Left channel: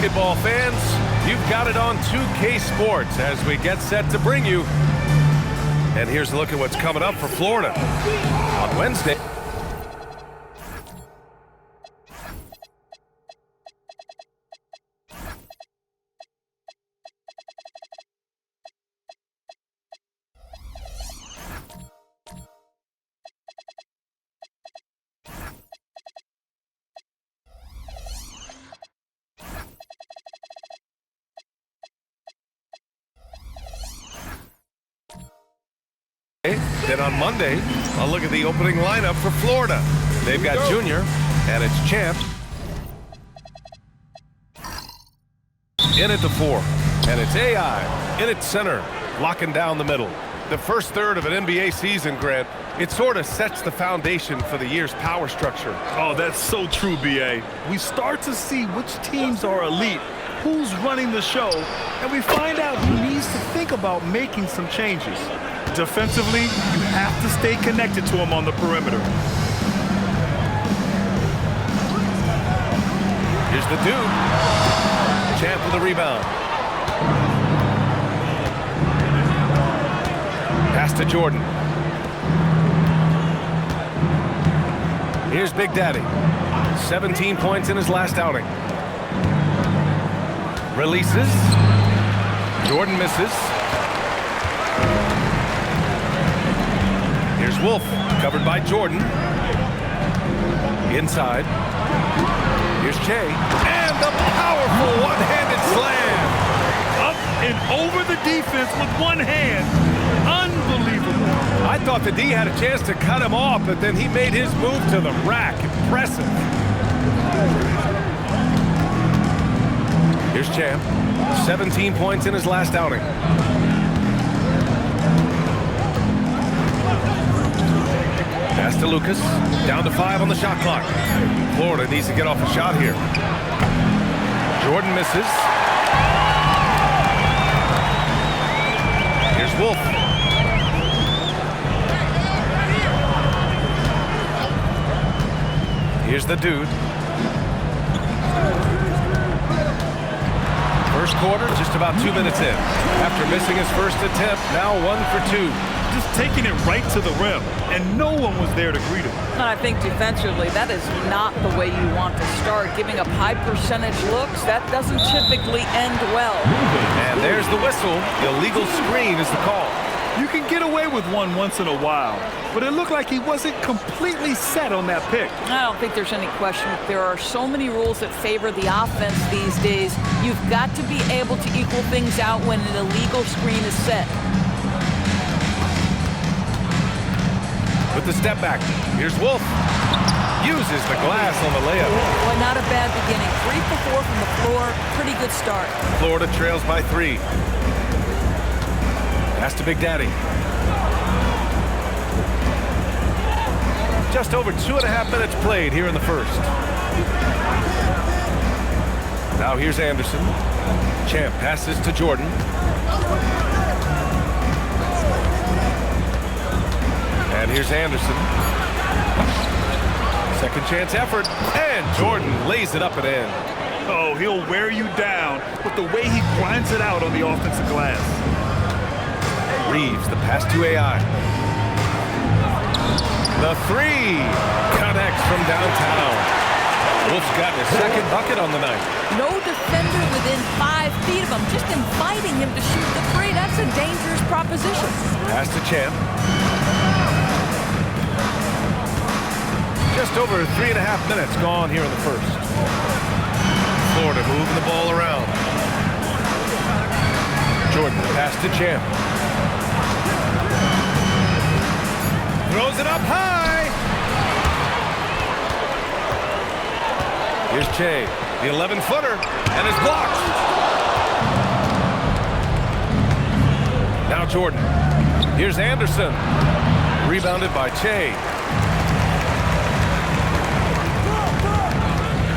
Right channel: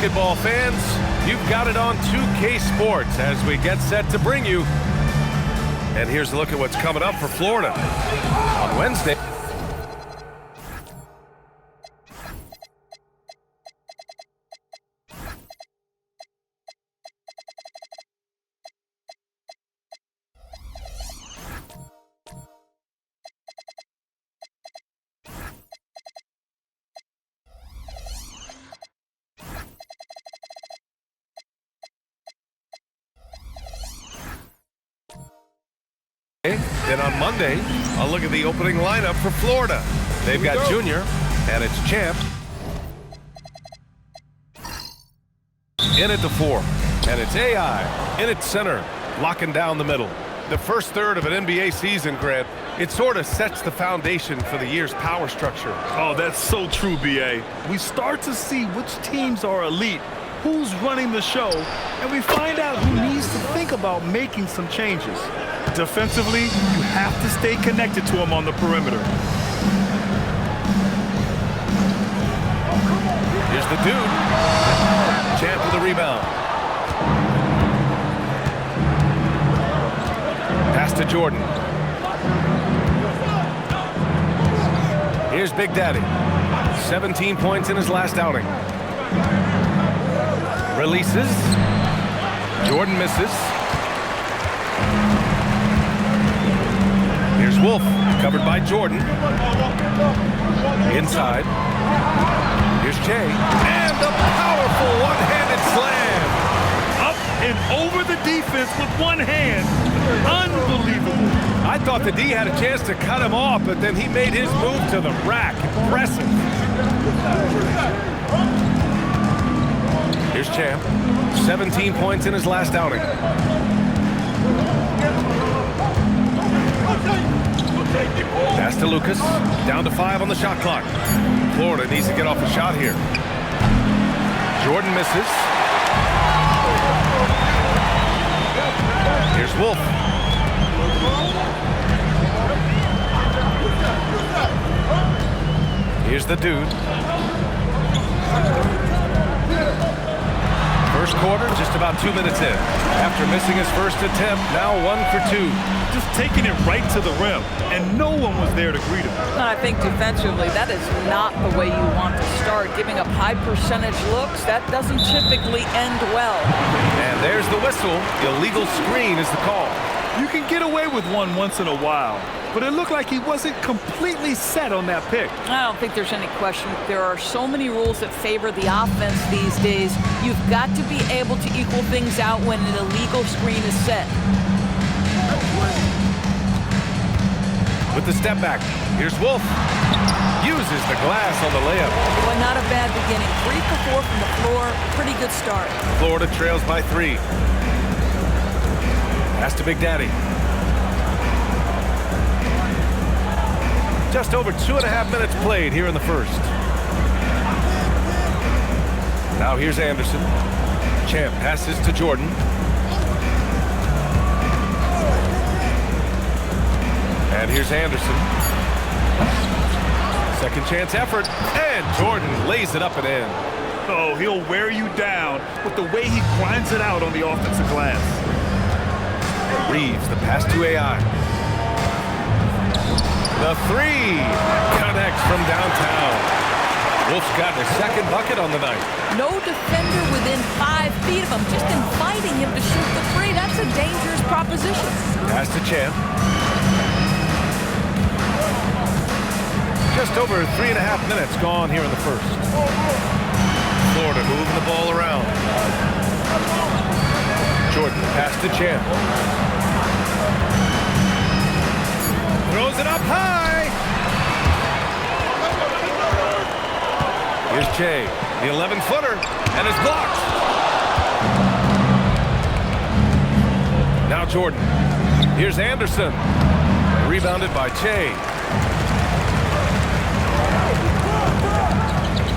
basketball fans, you've got it on 2K Sports as we get set to bring you. And here's a look at what's coming up for Florida on Wednesday. Then on Monday, I'll look at the opening lineup for Florida. They've got Junior, and it's Champ. In at the 4, and it's AI. In at center, locking down the middle. The first third of an NBA season, Grant, it sort of sets the foundation for the year's power structure. Oh, that's so true, B.A. We start to see which teams are elite, who's running the show, and we find out who needs to think about making some changes. Defensively, you have to stay connected to him on the perimeter. Here's the dude. Champ with a rebound. Pass to Jordan. Here's Big Daddy. 17 points in his last outing. Releases. Jordan misses. Here's Wolf, covered by Jordan. Inside. Here's Che. And the powerful one-handed slam. Up and over the defense with one hand. Unbelievable. I thought the D had a chance to cut him off, but then he made his move to the rack. Impressive. Here's Champ. 17 points in his last outing. Pass to Lucas. Down to 5 on the shot clock. Florida needs to get off a shot here. Jordan misses. Here's Wolf. Here's the dude. First quarter, just about 2 minutes in. After missing his first attempt, now 1 for 2. Just taking it right to the rim, and no one was there to greet him. And I think defensively, that is not the way you want to start. Giving up high percentage looks, that doesn't typically end well. And there's the whistle. Illegal screen is the call. You can get away with one once in a while, but it looked like he wasn't completely set on that pick. I don't think there's any question. There are so many rules that favor the offense these days. You've got to be able to equal things out when an illegal screen is set. With the step back, here's Wolf. Uses the glass on the layup. Boy, not a bad beginning. 3 for 4 from the floor. Pretty good start. Florida trails by 3. Pass to Big Daddy. Just over 2.5 minutes played here in the first. Now here's Anderson. Champ passes to Jordan. And here's Anderson. Second chance effort. And Jordan lays it up and in. Oh, he'll wear you down with the way he grinds it out on the offensive glass. Reeves, the pass to AI. The 3 connects from downtown. Wolf's gotten his second bucket on the night. No defender within 5 feet of him, just inviting him to shoot the 3. That's a dangerous proposition. Pass to Champ. Just over 3.5 minutes gone here in the first. Florida moving the ball around. Jordan, pass to Champ. Throws it up high. Here's Che, the 11-footer, and is blocked. Now Jordan. Here's Anderson. Rebounded by Che.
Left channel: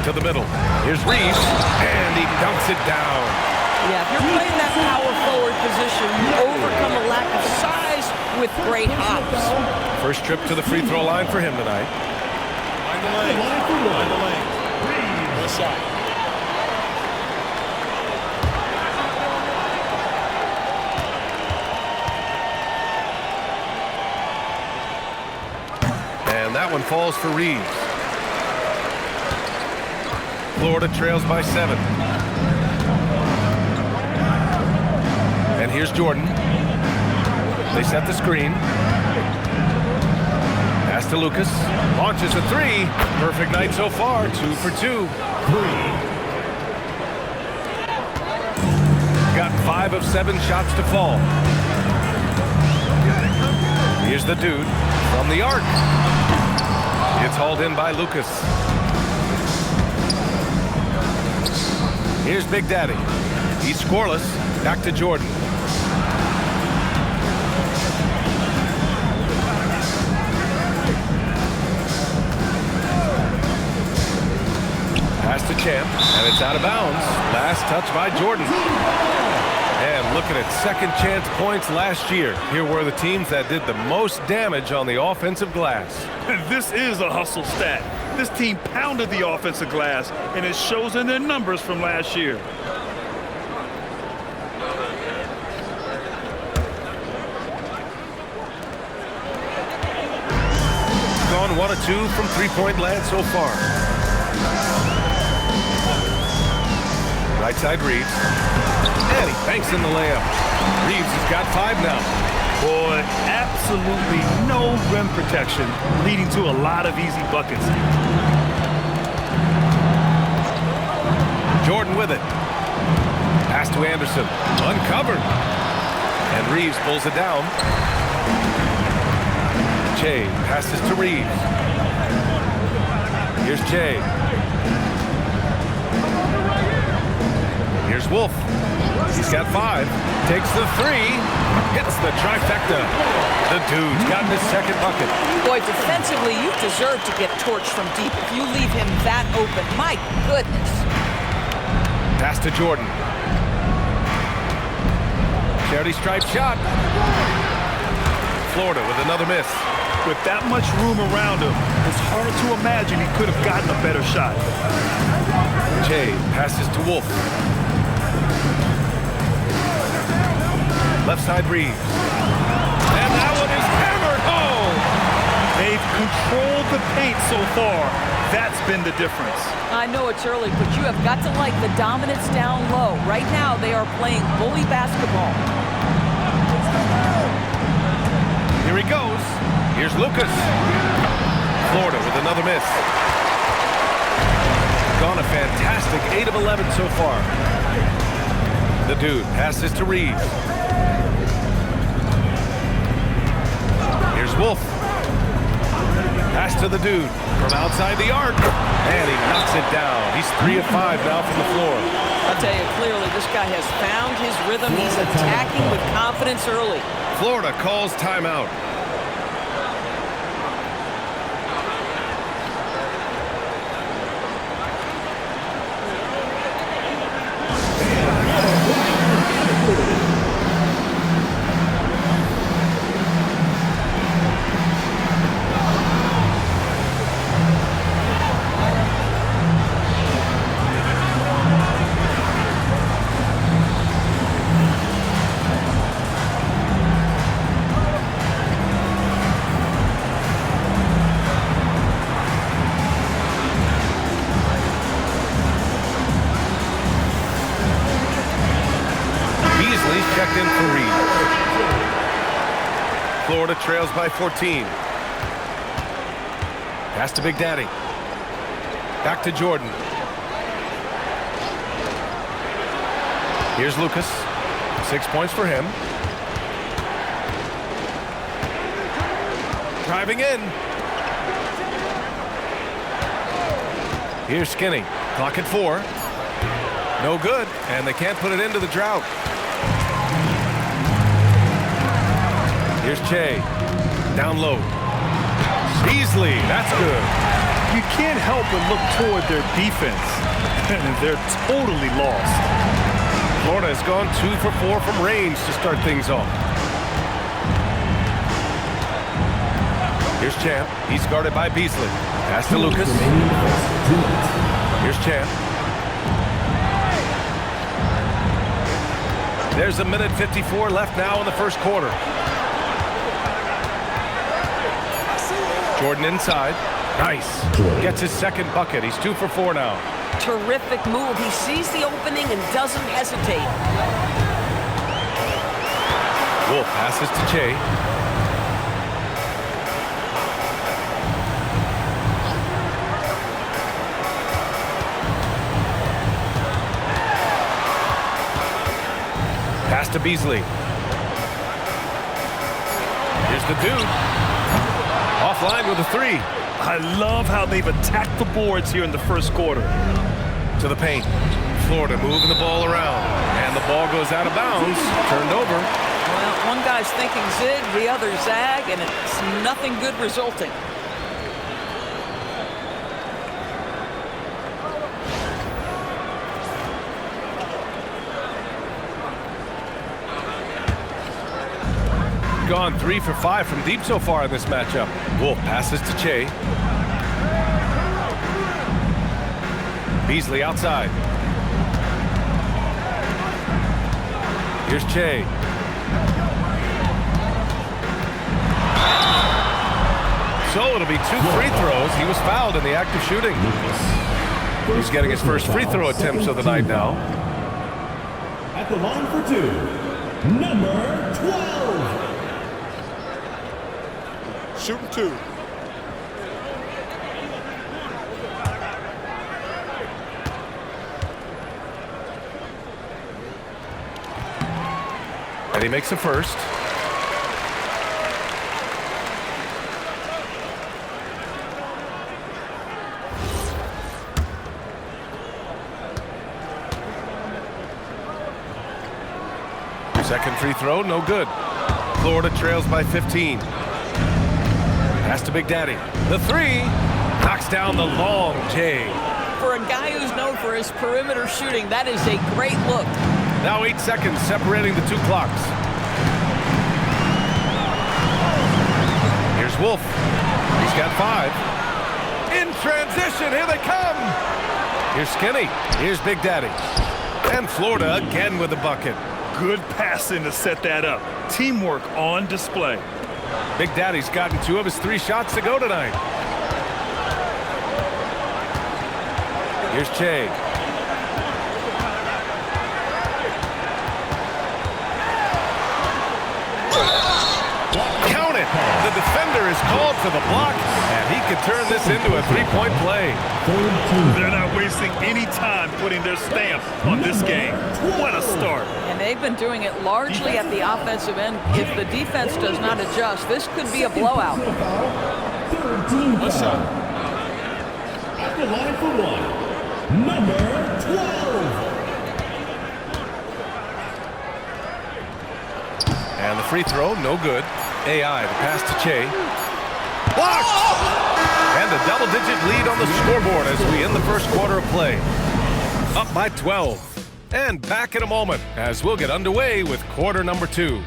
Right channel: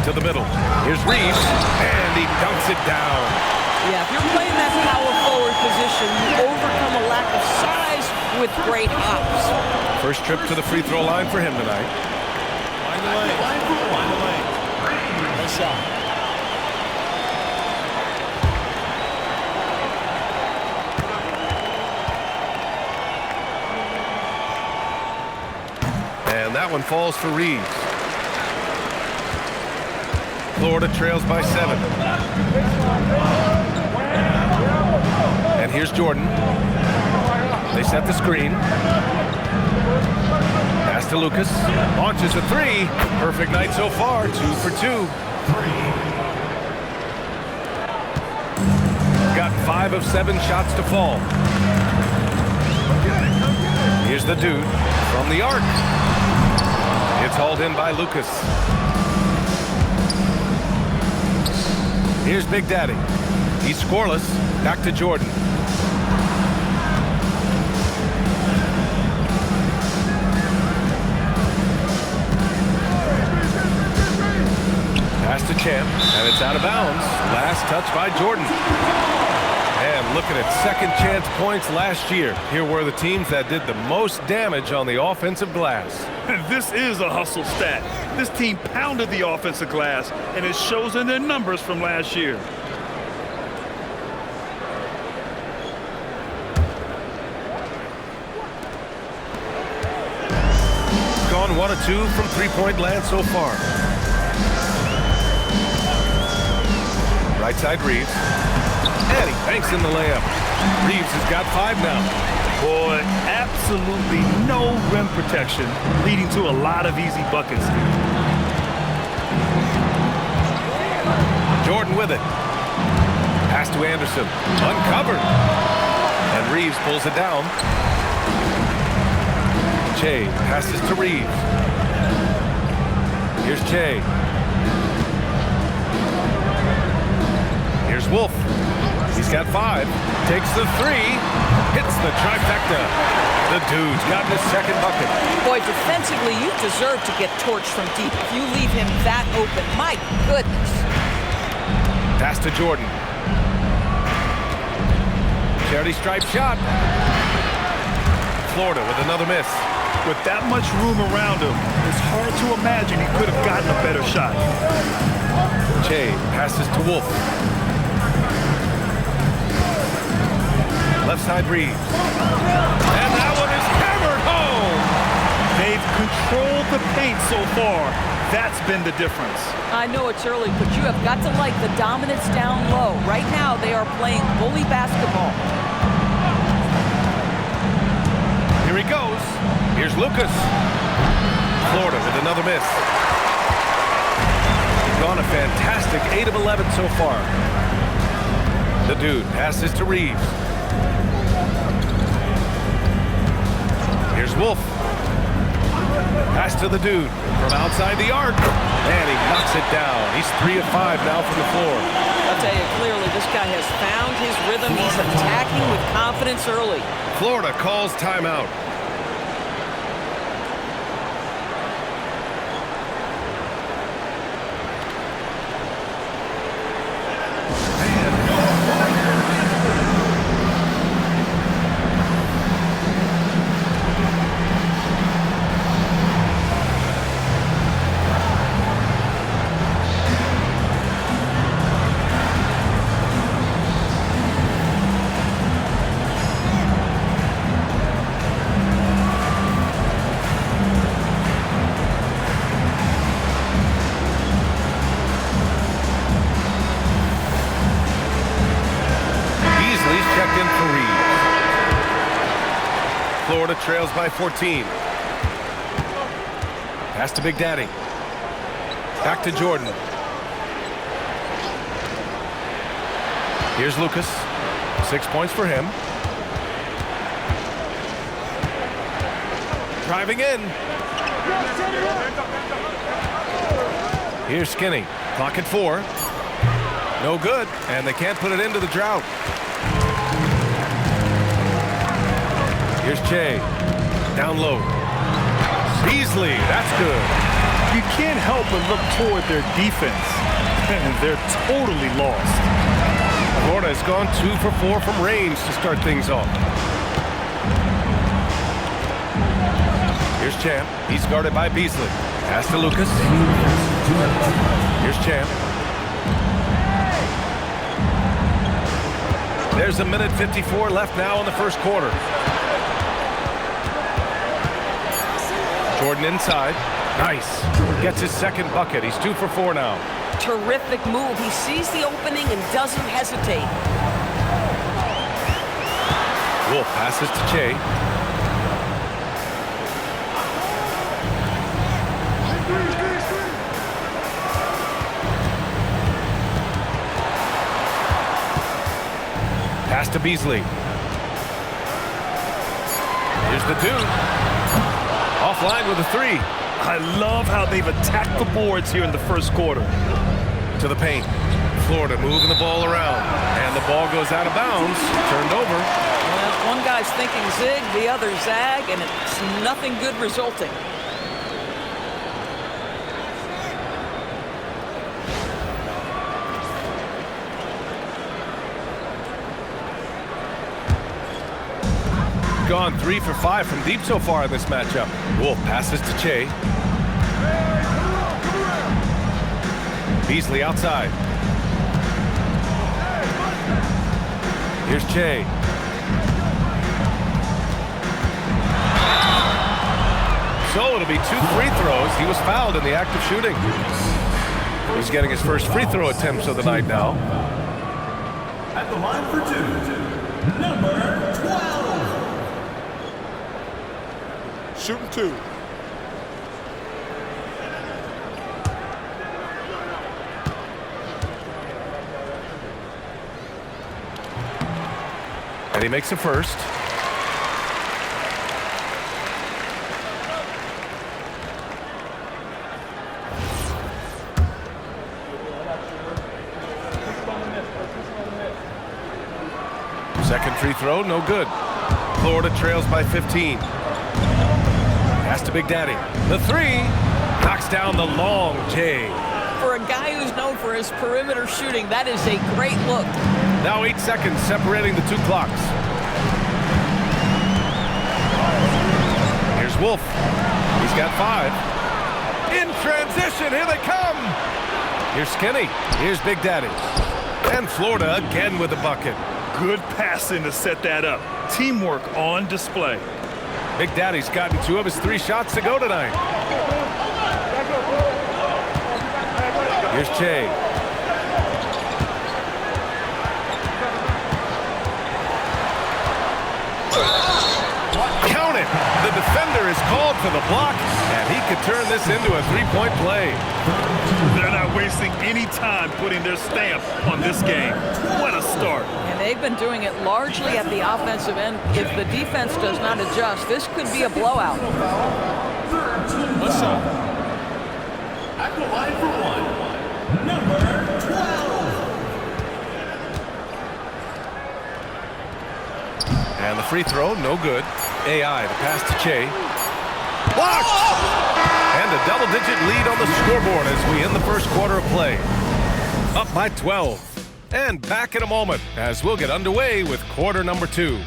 To the middle. Here's Reeves, and he dunks it down. Yeah, if you're playing that power forward position, you overcome a lack of size with great hops. First trip to the free throw line for him tonight. Find the lane. Find the lane. One shot. And that one falls for Reeves. Florida trails by 7. And here's Jordan. They set the screen. Pass to Lucas. Launches a 3. Perfect night so far. 2 for 2. Got 5 of 7 shots to fall. Here's the dude from the arc. It's hauled in by Lucas. Here's Big Daddy. He's scoreless. Back to Jordan. Pass to Champ, and it's out of bounds. Last touch by Jordan. And looking at second chance points last year, here were the teams that did the most damage on the offensive glass. This is a hustle stat. This team pounded the offensive glass, and it shows in their numbers from last year. Gone 1 of 2 from three-point land so far. Right side Reeves. And he banks in the layup. Reeves has got 5 now. Boy, absolutely no rim protection, leading to a lot of easy buckets. Jordan with it. Pass to Anderson. Uncovered. And Reeves pulls it down. Che passes to Reeves. Here's Che. Here's Wolf. He's got 5. Takes the 3. Hits the trifecta. The dude's gotten his second bucket. Boy, defensively, you deserve to get torched from deep if you leave him that open. My goodness. Pass to Jordan. Charity stripe shot. Florida with another miss. With that much room around him, it's hard to imagine he could have gotten a better shot. Che passes to Wolf. Left side Reeves. And that one is hammered home. They've controlled the paint so far. That's been the difference. I know it's early, but you have got to like the dominance down low. Right now, they are playing bully basketball. Here he goes. Here's Lucas. Florida with another miss. Gone a fantastic 8 of 11 so far. The dude passes to Reeves. Here's Wolf. Pass to the dude from outside the arc. And he knocks it down. He's 3 of 5 now from the floor. I'll tell you clearly, this guy has found his rhythm. He's attacking with confidence early. Florida calls timeout. Beasley's checked in for Reeves. Florida trails by 14. Pass to Big Daddy. Back to Jordan. Here's Lucas. 6 points for him. Driving in. Here's Skinny. Clock at 4. No good, and they can't put it into the drought. Here's Che. Down low. Beasley, that's good. You can't help but look toward their defense. They're totally lost. Florida has gone 2 for 4 from range to start things off. Here's Champ. He's guarded by Beasley. Pass to Lucas. Here's Champ. There's a minute 54 left now in the first quarter. Jordan inside. Nice. Gets his second bucket. He's 2 for 4 now. Terrific move. He sees the opening and doesn't hesitate. Wolf passes to Che. Pass to Beasley. Here's the dude. Offline with a 3. I love how they've attacked the boards here in the first quarter. To the paint. Florida moving the ball around. And the ball goes out of bounds. Turned over. Well, one guy's thinking zig, the other zag, and it's nothing good resulting. Gone 3 for 5 from deep so far in this matchup. Wolf passes to Che. Beasley outside. Here's Che. So it'll be 2 free throws. He was fouled in the act of shooting. He's getting his first free throw attempts of the night now. At the line for 2, number 12. Shooting 2. And he makes a first. Second free throw, no good. Florida trails by 15. Pass to Big Daddy. The 3 knocks down the long J. For a guy who's known for his perimeter shooting, that is a great look. Now 8 seconds separating the 2 clocks. Here's Wolf. He's got 5. In transition, here they come. Here's Skinny. Here's Big Daddy. And Florida again with the bucket. Good passing to set that up. Teamwork on display. Big Daddy's gotten 2 of his 3 shots to go tonight. Here's Che. Count it! The defender is called for the block, and he could turn this into a 3-point play. They're not wasting any time putting their stamp on this game. What a start. And they've been doing it largely at the offensive end. If the defense does not adjust, this could be a blowout. What's up? At the line for 1, number 12. And the free throw, no good. AI, the pass to Che. Blocked! And a double-digit lead on the scoreboard as we end the first quarter of play. Up by 12. And back in a moment as we'll get underway with quarter number 2.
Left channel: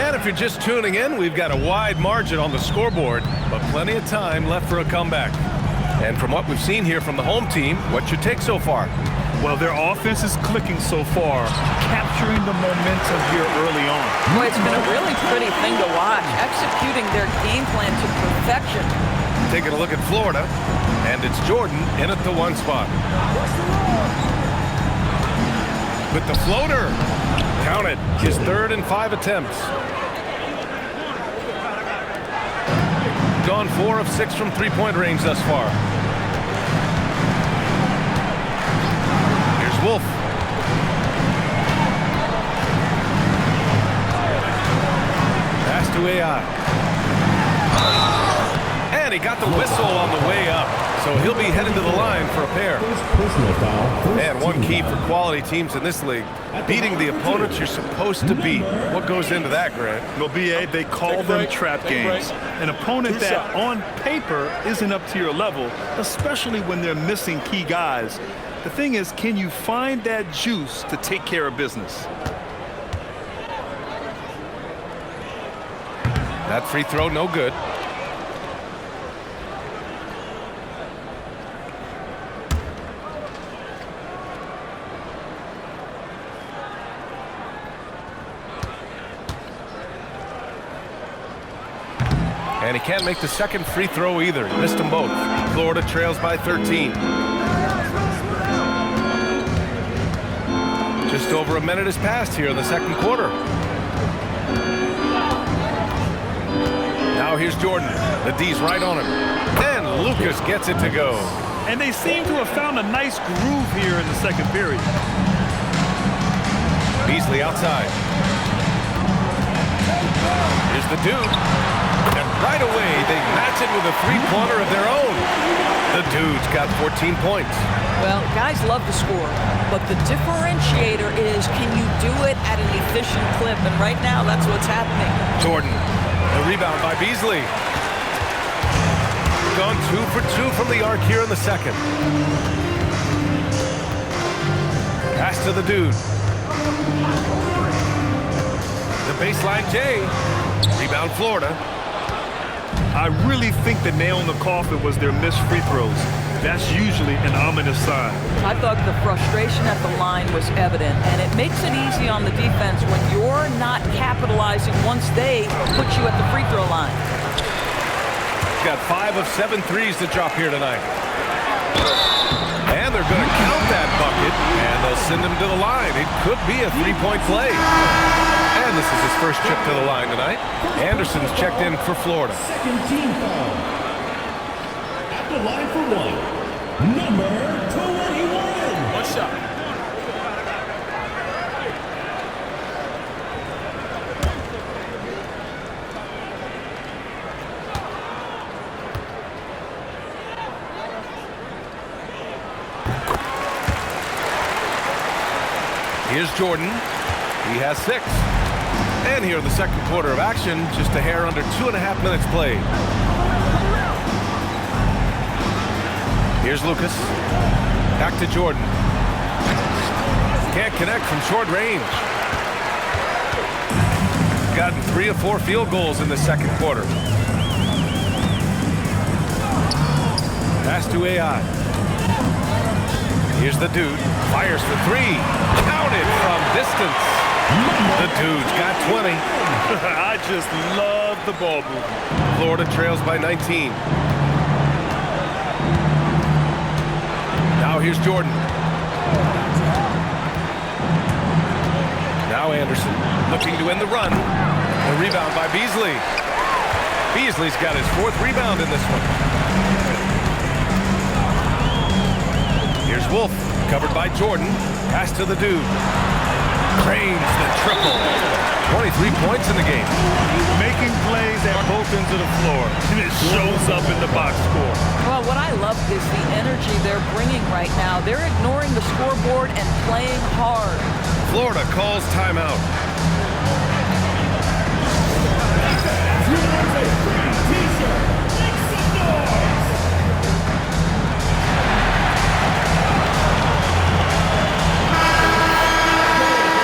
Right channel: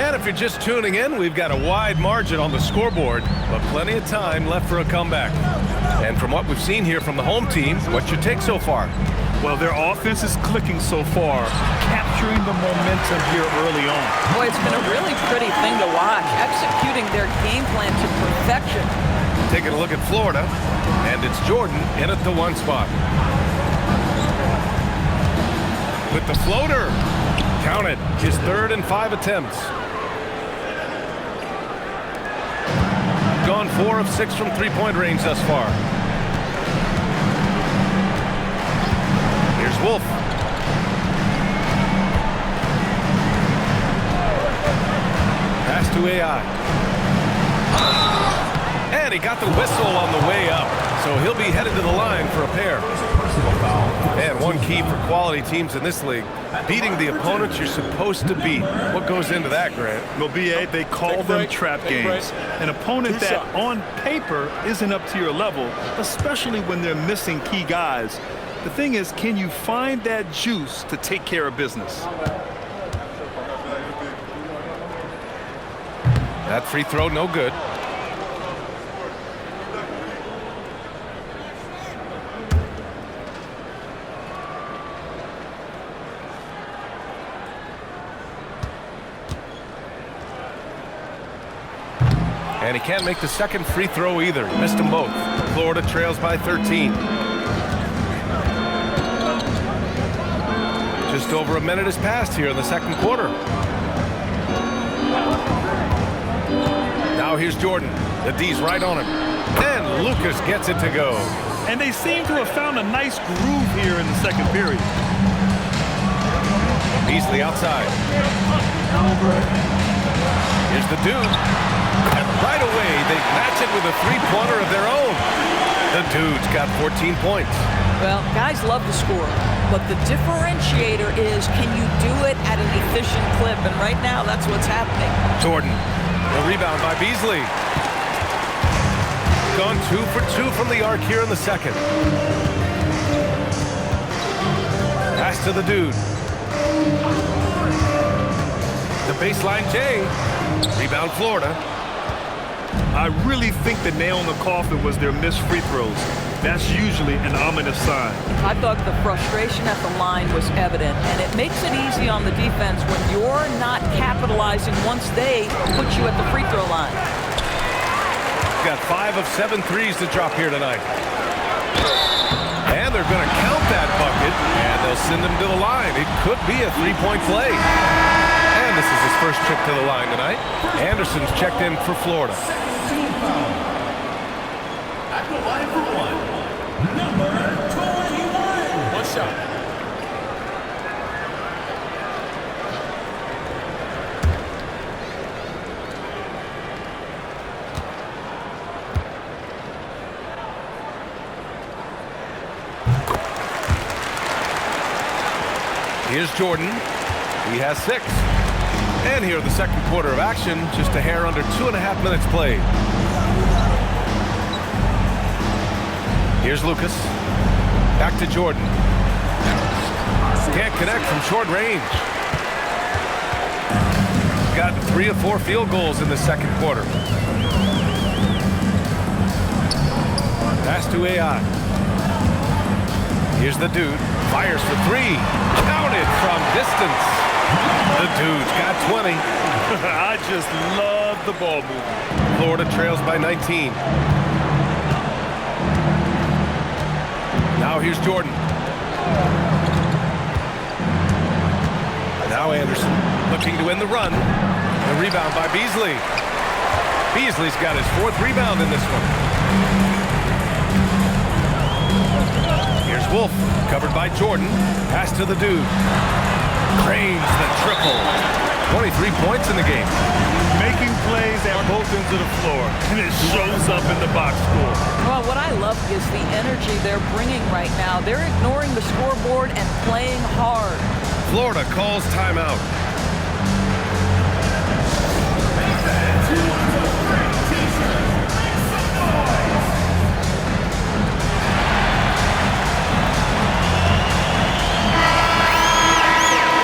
And if you're just tuning in, we've got a wide margin on the scoreboard, but plenty of time left for a comeback. And from what we've seen here from the home team, what's your take so far? Well, their offense is clicking so far, capturing the momentum here early on. Boy, it's been a really pretty thing to watch, executing their game plan to perfection. Taking a look at Florida, and it's Jordan in at the 1 spot. With the floater, count it, his 3rd and 5 attempts. Gone 4 of 6 from 3-point range thus far. Here's Wolf. Pass to AI. And he got the whistle on the way up, so he'll be headed to the line for a pair. And one key for quality teams in this league, beating the opponents you're supposed to beat. What goes into that, Grant? Well, BA, they call them trap games. An opponent that on paper isn't up to your level, especially when they're missing key guys. The thing is, can you find that juice to take care of business? That free throw, no good. And he can't make the second free throw either. He missed them both. Florida trails by 13. Just over a minute has passed here in the second quarter. Now here's Jordan. The D's right on him. And Lucas gets it to go. And they seem to have found a nice groove here in the second period. Beasley outside. Here's the Dude. And right away, they match it with a three-pointer of their own. The Dude's got 14 points. Well, guys love to score, but the differentiator is, can you do it at an efficient clip? And right now, that's what's happening. Jordan, the rebound by Beasley. Gone 2 for 2 from the arc here in the second. Pass to the Dude. The baseline J. Rebound Florida. I really think the nail in the coffin was their missed free throws. That's usually an ominous sign. I thought the frustration at the line was evident, and it makes it easy on the defense when you're not capitalizing once they put you at the free throw line. Got 5 of 7 threes to drop here tonight. And they're going to count that bucket, and they'll send him to the line. It could be a three-point play. And this is his first trip to the line tonight. Anderson's checked in for Florida. Second team foul. At the line for one, number 21. One shot. Here's Jordan. He has 6. And here in the second quarter of action, just a hair under 2.5 minutes played. Here's Lucas. Back to Jordan. Can't connect from short range. Gotten 3 of 4 field goals in the second quarter. Pass to AI. Here's the Dude. Fires for 3. Counted from distance. The Dude's got 20. I just love the ball movement. Florida trails by 19. Now here's Jordan. Now Anderson looking to win the run. The rebound by Beasley. Beasley's got his 4th rebound in this one. Here's Wolf, covered by Jordan. Pass to the Dude. Cranes the triple. 23 points in the game. Making plays at both ends of the floor, and it shows up in the box score. Well, what I love is the energy they're bringing right now. They're ignoring the scoreboard and playing hard. Florida calls timeout.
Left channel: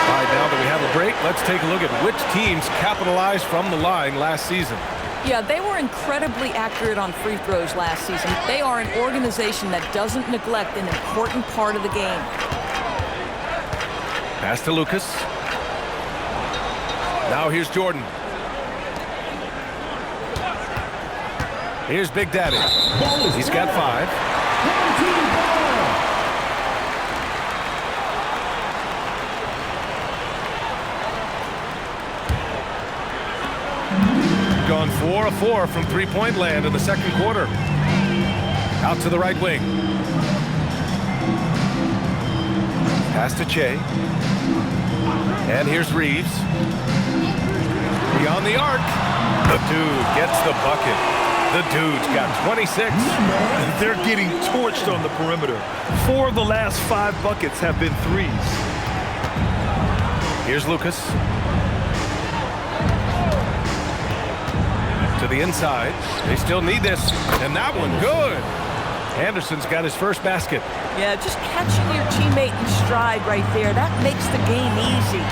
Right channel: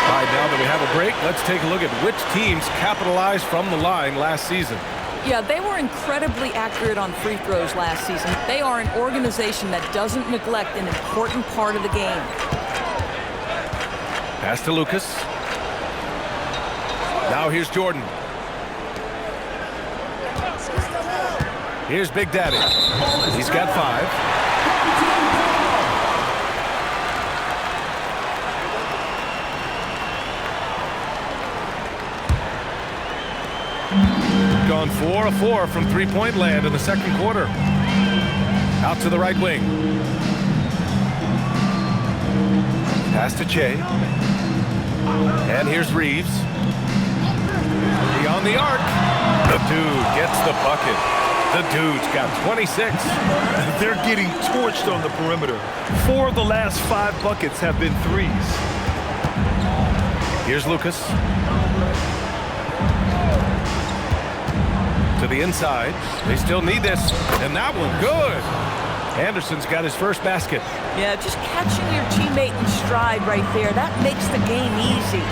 All right, now that we have a break, let's take a look at which teams capitalized from the line last season. Yeah, they were incredibly accurate on free throws last season. They are an organization that doesn't neglect an important part of the game. Pass to Lucas. Now here's Jordan. Here's Big Daddy. He's got 5. Gone 4 of 4 from three-point land in the second quarter. Out to the right wing. Pass to Che. And here's Reeves. Beyond the arc. The Dude gets the bucket. The Dude's got 26. They're getting torched on the perimeter. 4 of the last 5 buckets have been threes. Here's Lucas. To the inside. They still need this. And that one, good. Anderson's got his first basket. Yeah, just catching your teammate in stride right there, that makes the game easy.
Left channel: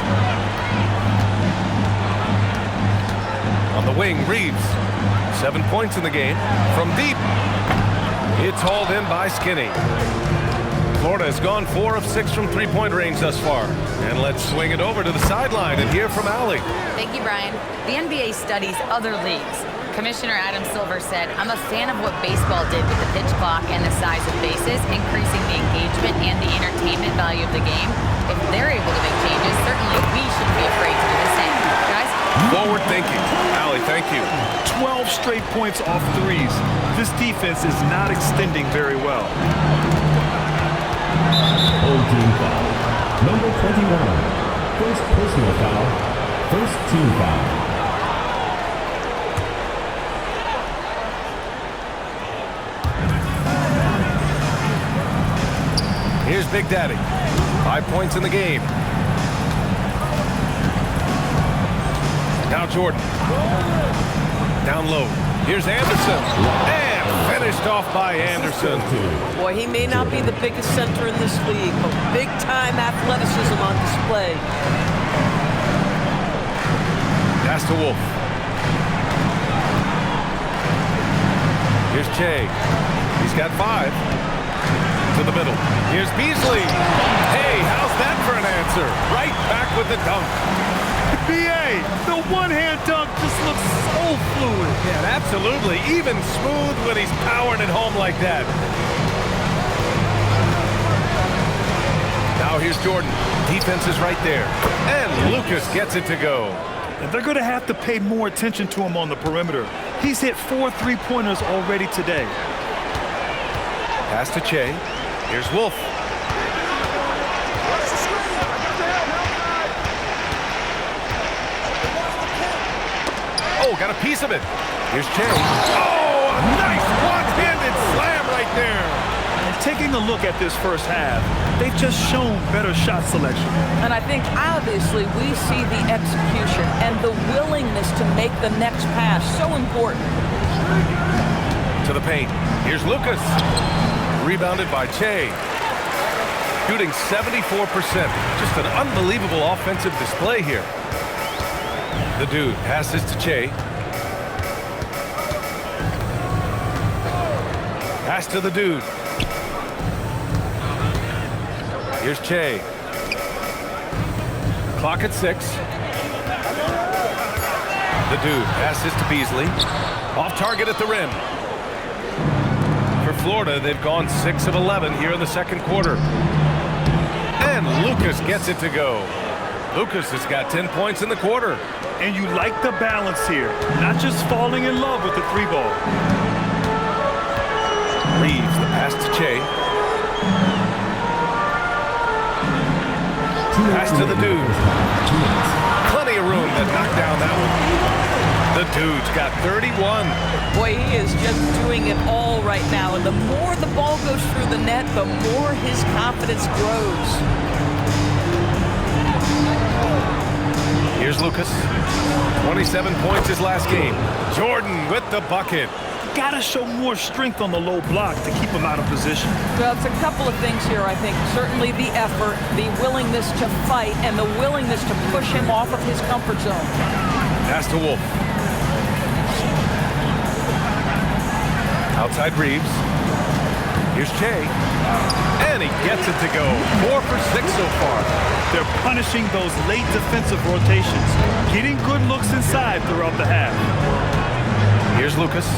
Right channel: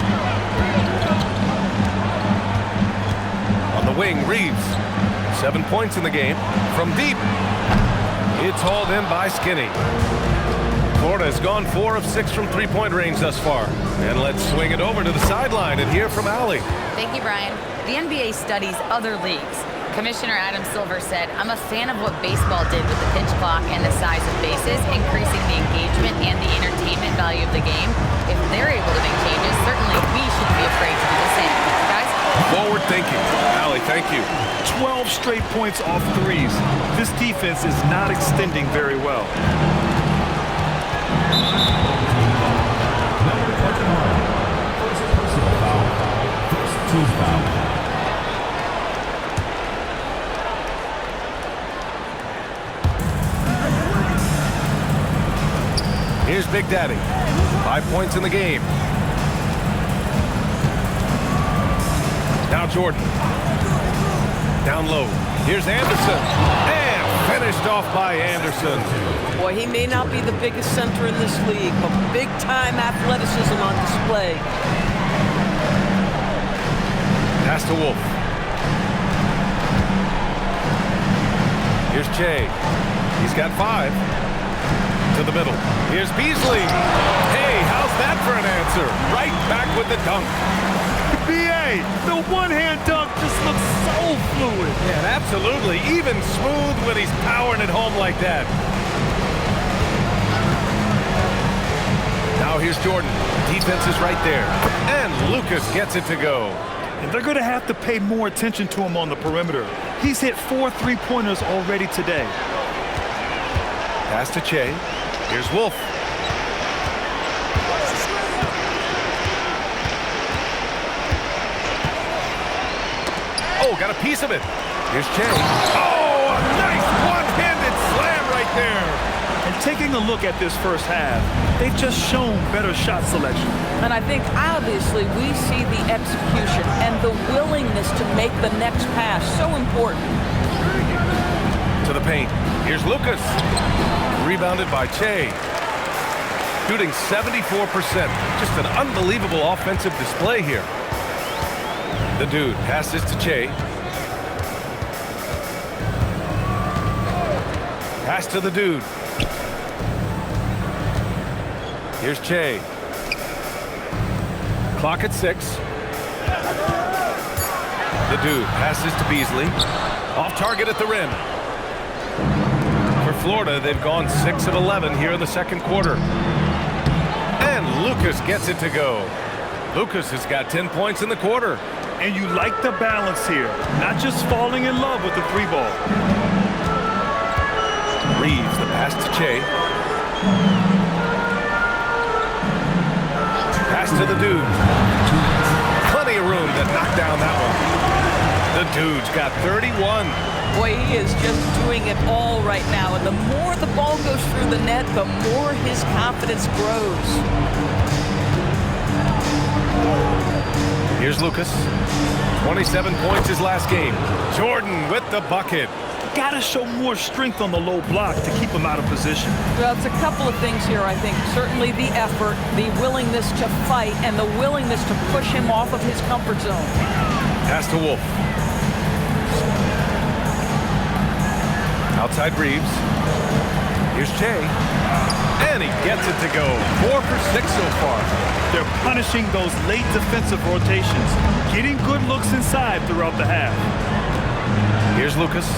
On the wing, Reeves. 7 points in the game. From deep. It's hauled in by Skinny. Florida has gone 4 of 6 from three-point range thus far. And let's swing it over to the sideline and hear from Allie. Thank you, Brian. The NBA studies other leagues. Commissioner Adam Silver said, "I'm a fan of what baseball did with the pitch clock and the size of bases, increasing the engagement and the entertainment value of the game. If they're able to make changes, certainly we shouldn't be afraid to do the same." Guys? Forward thinking. Allie, thank you. 12 straight points off threes. This defense is not extending very well. Old team foul. Number 21. First personal foul. First team foul. Here's Big Daddy. 5 points in the game. Now Jordan. Down low. Here's Anderson. And finished off by Anderson. Boy, he may not be the biggest center in this league, but big-time athleticism on display. Pass to Wolf. Here's Che. He's got 5. To the middle. Here's Beasley. Hey, how's that for an answer? Right back with the dunk. B.A., the one-hand dunk just looks so fluid. Yeah, absolutely. Even smooth when he's powering it home like that. Now here's Jordan. Defense is right there. And Lucas gets it to go. And they're going to have to pay more attention to him on the perimeter. He's hit 4 3-pointers already today. Pass to Che. Here's Wolf. Oh, got a piece of it. Here's Che. Oh, a nice one-handed slam right there. And taking a look at this first half, they've just shown better shot selection. And I think obviously we see the execution and the willingness to make the next pass so important. To the paint. Here's Lucas. Rebounded by Che. Shooting 74%. Just an unbelievable offensive display here. The dude passes to Che. Pass to the dude. Here's Che. Clock at 6. The dude passes to Beasley. Off target at the rim. For Florida, they've gone 6 of 11 here in the second quarter. And Lucas gets it to go. Lucas has got 10 points in the quarter. And you like the balance here, not just falling in love with the 3-ball. Reeves, the pass to Che. Pass to the dude. Plenty of room to knock down that one. The dude's got 31. Boy, he is just doing it all right now. And the more the ball goes through the net, the more his confidence grows. Here's Lucas. 27 points his last game. Jordan with the bucket. Got to show more strength on the low block to keep him out of position. Well, it's a couple of things here, I think. Certainly the effort, the willingness to fight, and the willingness to push him off of his comfort zone. Pass to Wolf. Outside Reeves. Here's Che. And he gets it to go. 4 for 6 so far. They're punishing those late defensive rotations, getting good looks inside throughout the half. Here's Lucas.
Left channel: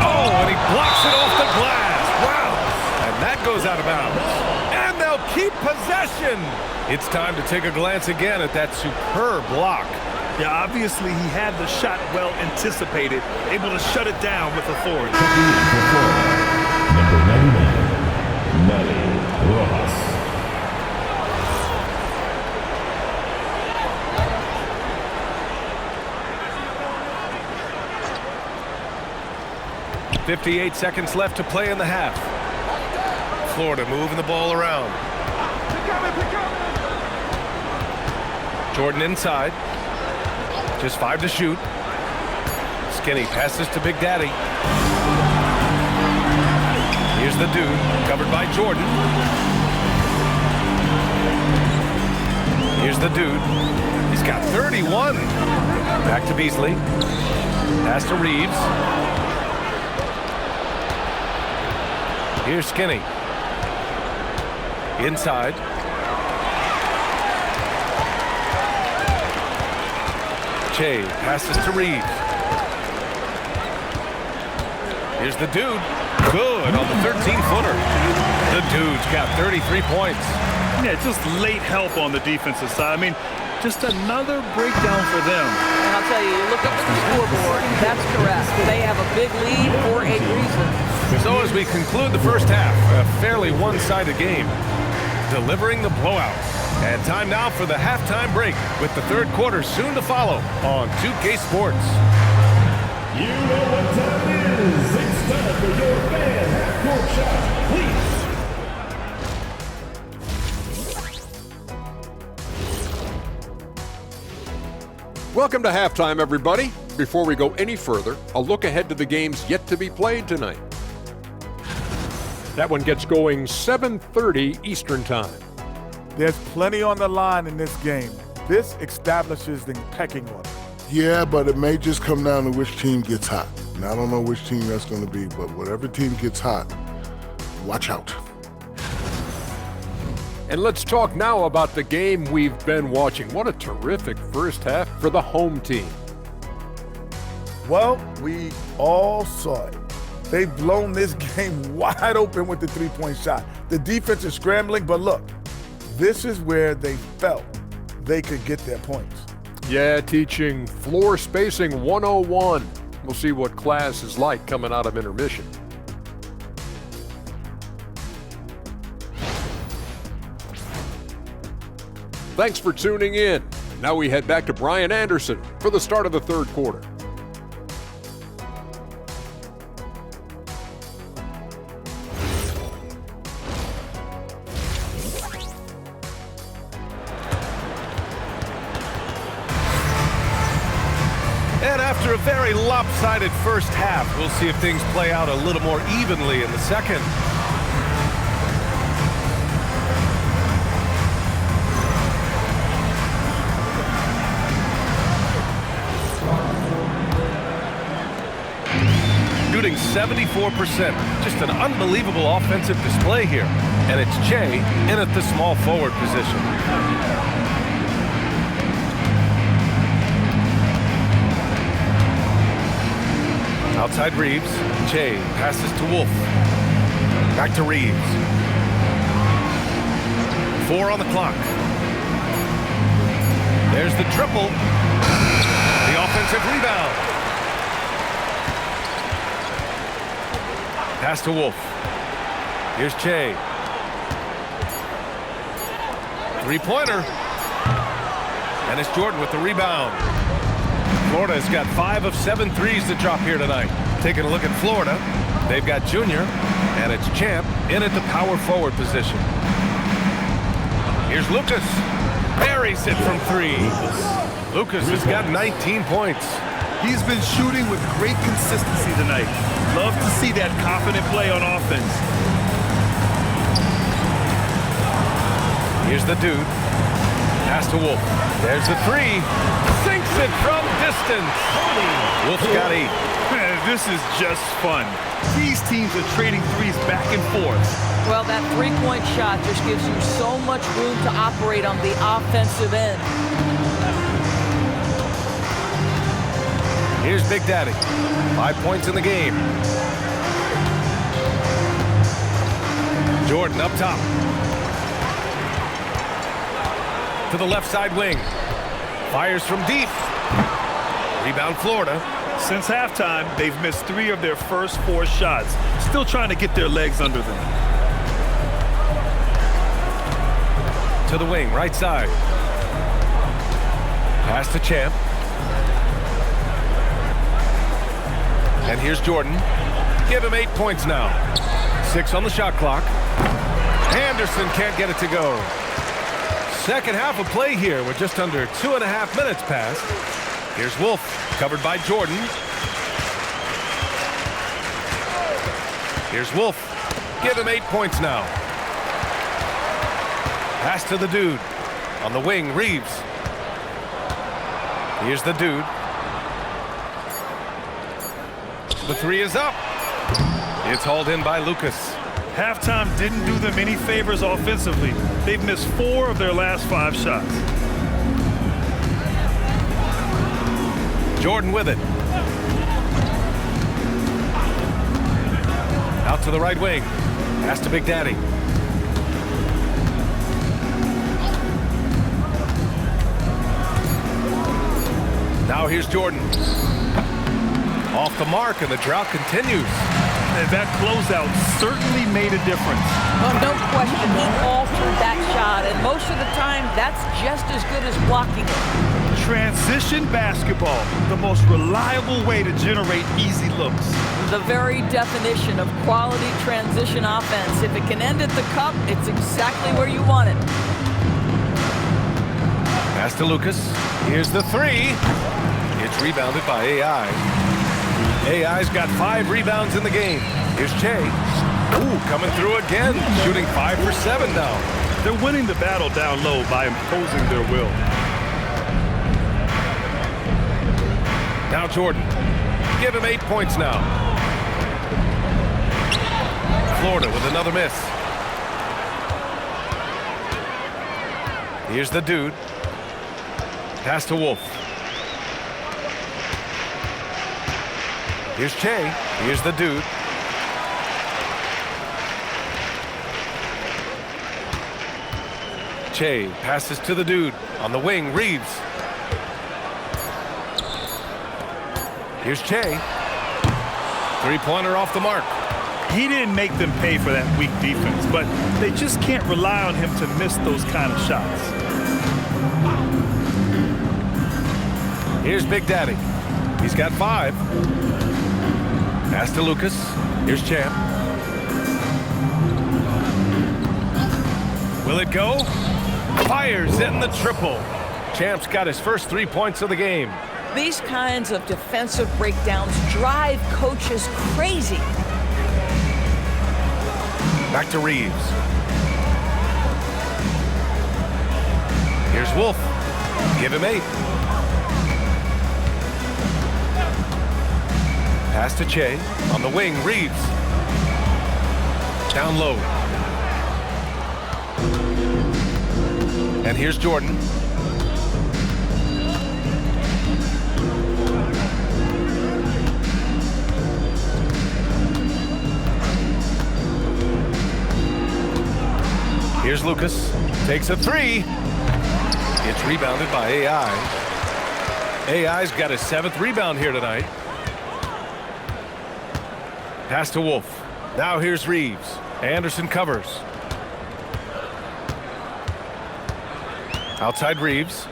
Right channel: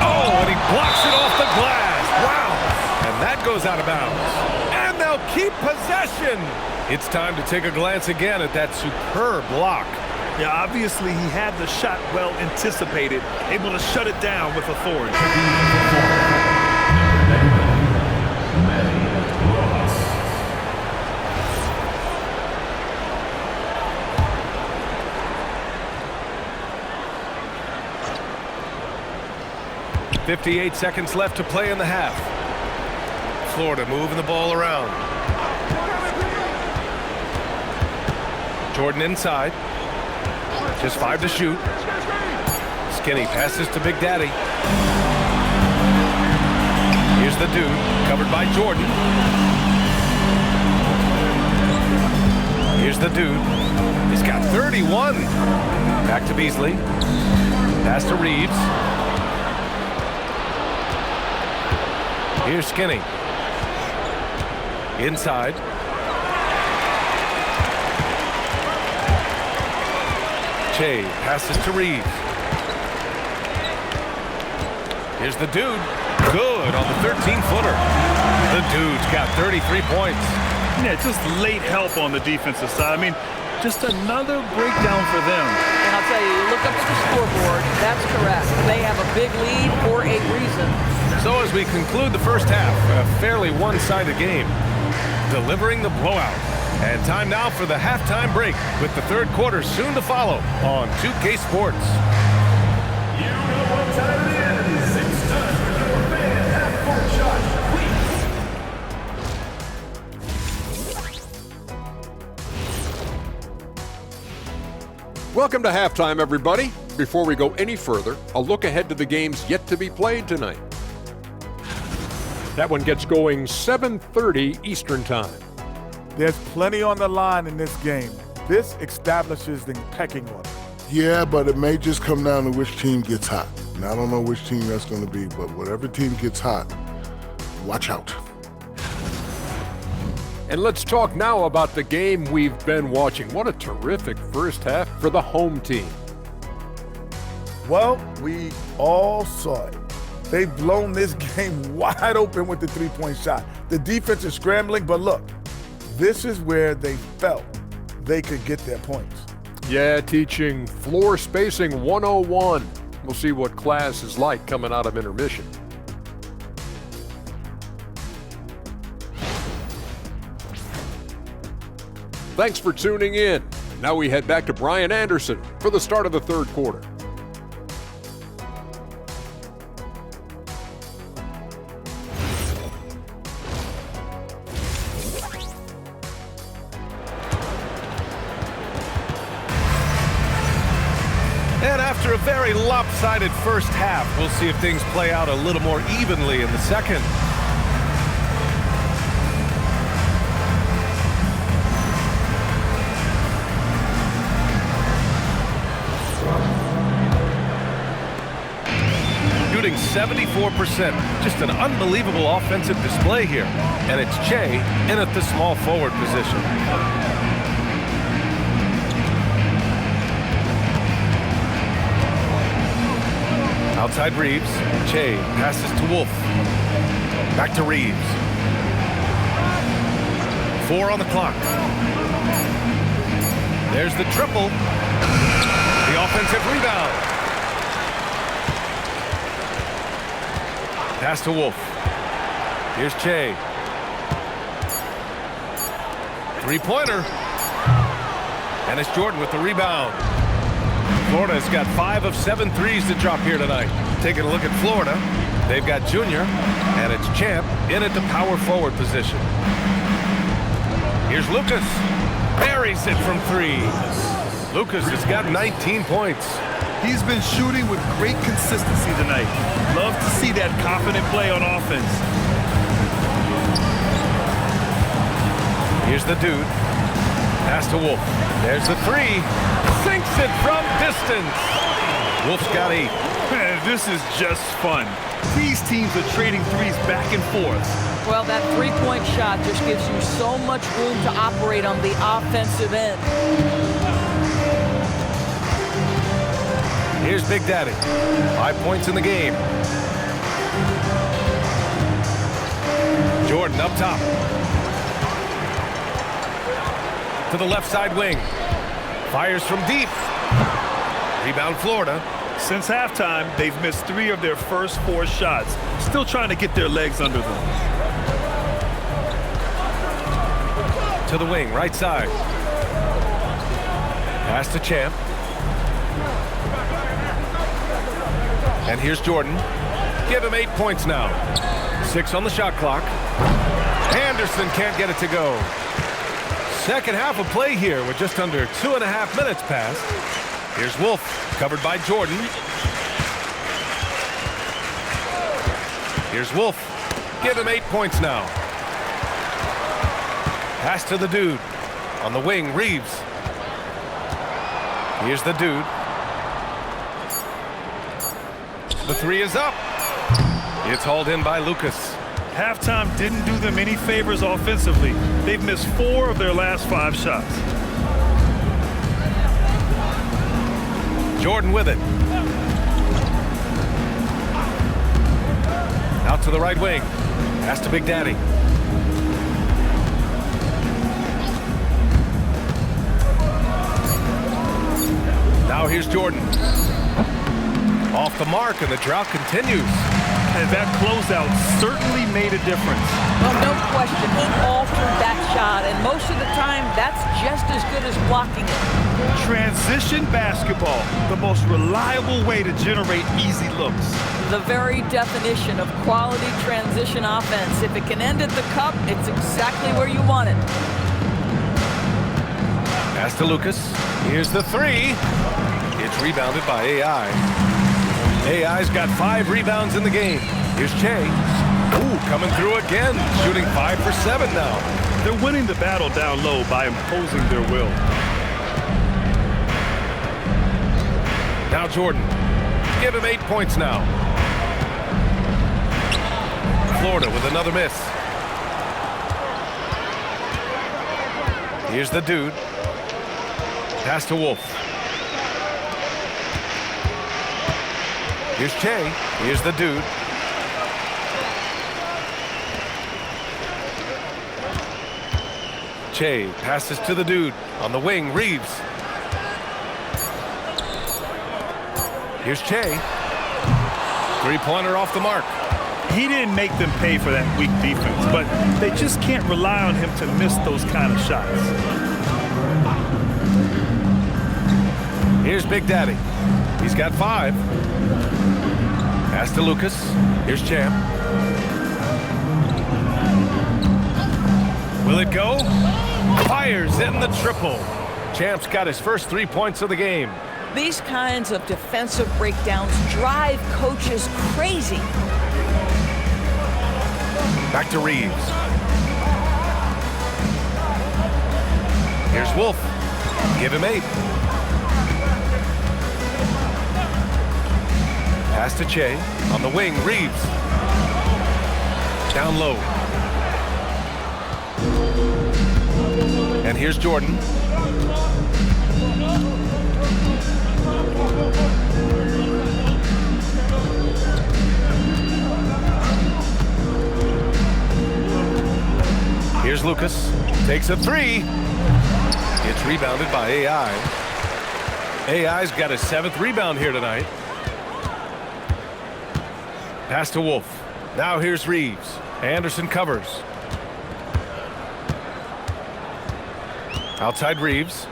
Oh, and he blocks it off the glass. Wow. And that goes out of bounds. And they'll keep possession. It's time to take a glance again at that superb block. Yeah, obviously he had the shot well anticipated, able to shut it down with authority. Number 99, Manny Rojas. .58 seconds left to play in the half. Florida moving the ball around. Jordan inside. Just 5 to shoot. Skinny passes to Big Daddy. Here's the dude, covered by Jordan. Here's the dude. He's got 31. Back to Beasley. Pass to Reeves. Here's Skinny. Inside. Che passes to Reeves. Here's the dude. Good on the 13-footer. The dude's got 33 points. Yeah, just late help on the defensive side. I mean, just another breakdown for them. And I'll tell you, you look up at the scoreboard, that's correct. They have a big lead for a reason. So as we conclude the first half, a fairly one-sided game, delivering the blowout. And time now for the halftime break with the third quarter soon to follow on 2K Sports. You know what time it is. It's time for your fan half-court shot, please. Welcome to halftime, everybody. Before we go any further, a look ahead to the games yet to be played tonight. That one gets going 7:30 Eastern Time. There's plenty on the line in this game. This establishes the pecking order. Yeah, but it may just come down to which team gets hot. And I don't know which team that's going to be, but whatever team gets hot, watch out. And let's talk now about the game we've been watching. What a terrific first half for the home team. Well, we all saw it. They've blown this game wide open with the three-point shot. The defense is scrambling, but look, this is where they felt they could get their points. Yeah, teaching floor spacing 101. We'll see what class is like coming out of intermission. Thanks for tuning in. Now we head back to Brian Anderson for the start of the third quarter. And after a very lopsided first half, we'll see if things play out a little more evenly in the second. Shooting 74%. Just an unbelievable offensive display here. And it's Che in at the small forward position. Outside Reeves. Che passes to Wolf. Back to Reeves. 4 on the clock. There's the triple. The offensive rebound. Pass to Wolf. Here's Che. Three-pointer. And it's Jordan with the rebound. Florida's got 5 of 7 threes to drop here tonight. Taking a look at Florida, they've got Junior, and it's Champ in at the power forward position. Here's Lucas. Buries it from 3. Lucas has got 19 points. He's been shooting with great consistency tonight. Love to see that confident play on offense. Here's the dude. Pass to Wolf. There's the 3. Sinks it from distance. Wolf's got 8. Man, this is just fun. These teams are trading threes back and forth. Well, that three-point shot just gives you so much room to operate on the offensive end. Here's Big Daddy. 5 points in the game. Jordan up top. To the left side wing. Fires from deep. Rebound Florida. Since halftime, they've missed 3 of their first 4 shots. Still trying to get their legs under them. To the wing, right side. Pass to Champ. And here's Jordan. Give him 8 points now. 6 on the shot clock. Anderson can't get it to go. Second half of play here with just under 2.5 minutes passed. Here's Wolf, covered by Jordan. Here's Wolf. Give him 8 points now. Pass to the dude. On the wing, Reeves. Here's the dude. The 3 is up. It's hauled in by Lucas. Halftime didn't do them any favors offensively. They've missed 4 of their last 5 shots. Jordan with it. Out to the right wing. Pass to Big Daddy. Now here's Jordan. Off the mark, and the drought continues. And that closeout certainly made a difference. Well, no question, he altered that shot, and most of the time, that's just as good as blocking it. Transition basketball, the most reliable way to generate easy looks. The very definition of quality transition offense. If it can end at the cup, it's exactly where you want it. Pass to Lucas. Here's the three. It's rebounded by AI. AI's got 5 rebounds in the game. Here's Che. Ooh, coming through again, shooting 5 for 7 now. They're winning the battle down low by imposing their will. Now Jordan. Give him 8 points now. Florida with another miss. Here's the dude. Pass to Wolf. Here's Che. Here's the dude. Che passes to the dude. On the wing, Reeves. Here's Che. Three-pointer off the mark. He didn't make them pay for that weak defense, but they just can't rely on him to miss those kind of shots. Here's Big Daddy. He's got 5. Pass to Lucas. Here's Champ. Will it go? Fires in the triple. Champ's got his first 3 points of the game. These kinds of defensive breakdowns drive coaches crazy. Back to Reeves. Here's Wolf. Give him 8. Pass to Che. On the wing, Reeves. Down low. And here's Jordan. Here's Lucas. Takes a 3. It's rebounded by AI. AI's got his 7th rebound here tonight. Pass to Wolf. Now here's Reeves. Anderson covers. Outside Reeves.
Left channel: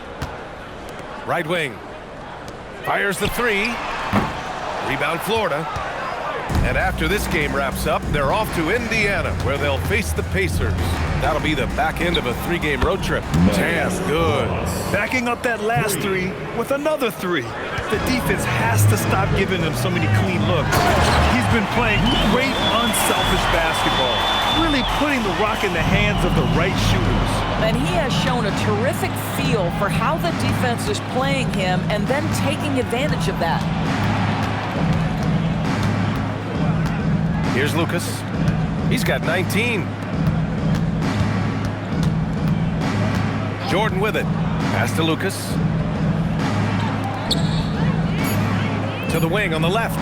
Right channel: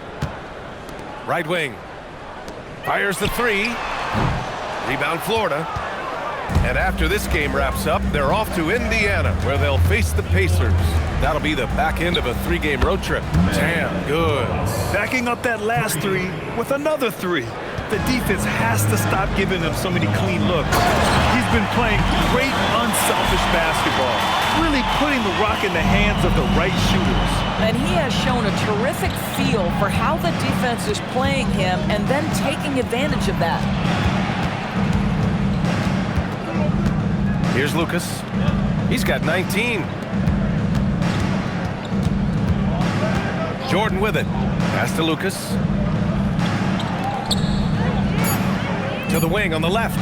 Right wing. Fires the 3. Rebound Florida. And after this game wraps up, they're off to Indiana, where they'll face the Pacers. That'll be the back end of a 3-game road trip. Damn good. Backing up that last 3 with another 3. The defense has to stop giving them so many clean looks. He's been playing great, unselfish basketball, really putting the rock in the hands of the right shooters. And he has shown a terrific feel for how the defense is playing him and then taking advantage of that. Here's Lucas. He's got 19. Jordan with it. Pass to Lucas. To the wing on the left.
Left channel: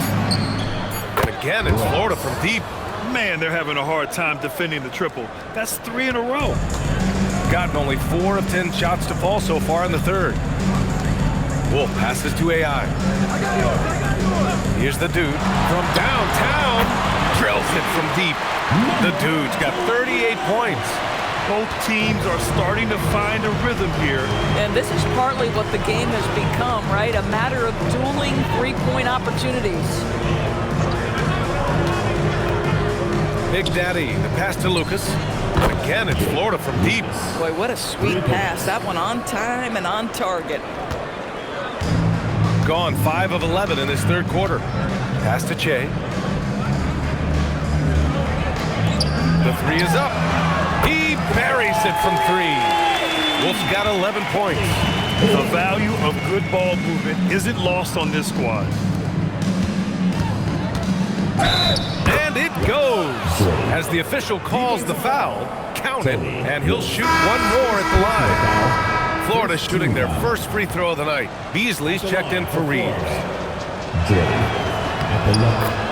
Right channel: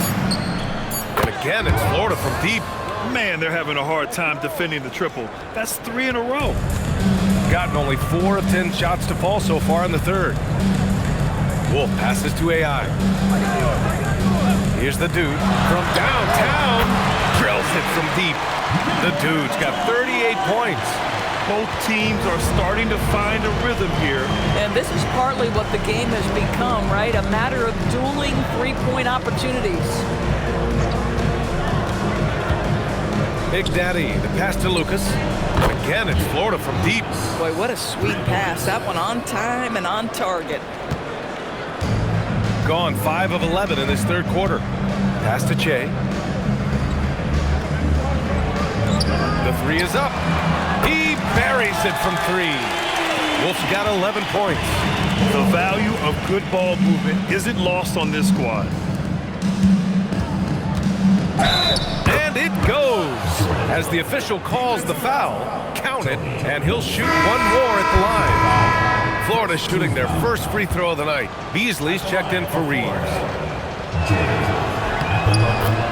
And again, it's Florida from deep. Man, they're having a hard time defending the triple. That's 3 in a row. Gotten only 4 of 10 shots to fall so far in the third. Wolf passes to AI. Here's the dude from downtown. Drills it from deep. The dude's got 38 points. Both teams are starting to find a rhythm here. And this is partly what the game has become, right? A matter of dueling 3-point opportunities. Big Daddy, the pass to Lucas. And again, it's Florida from deep. Boy, what a sweet pass. That one on time and on target. Gone 5 of 11 in this third quarter. Pass to Che. The 3 is up. He buries it from 3. Wolf's got 11 points. The value of good ball movement isn't lost on this squad. And it goes. As the official calls the foul, count it, and he'll shoot one more at the line. Florida shooting their first free throw of the night. Beasley's checked in for Reeves. Jay at the line.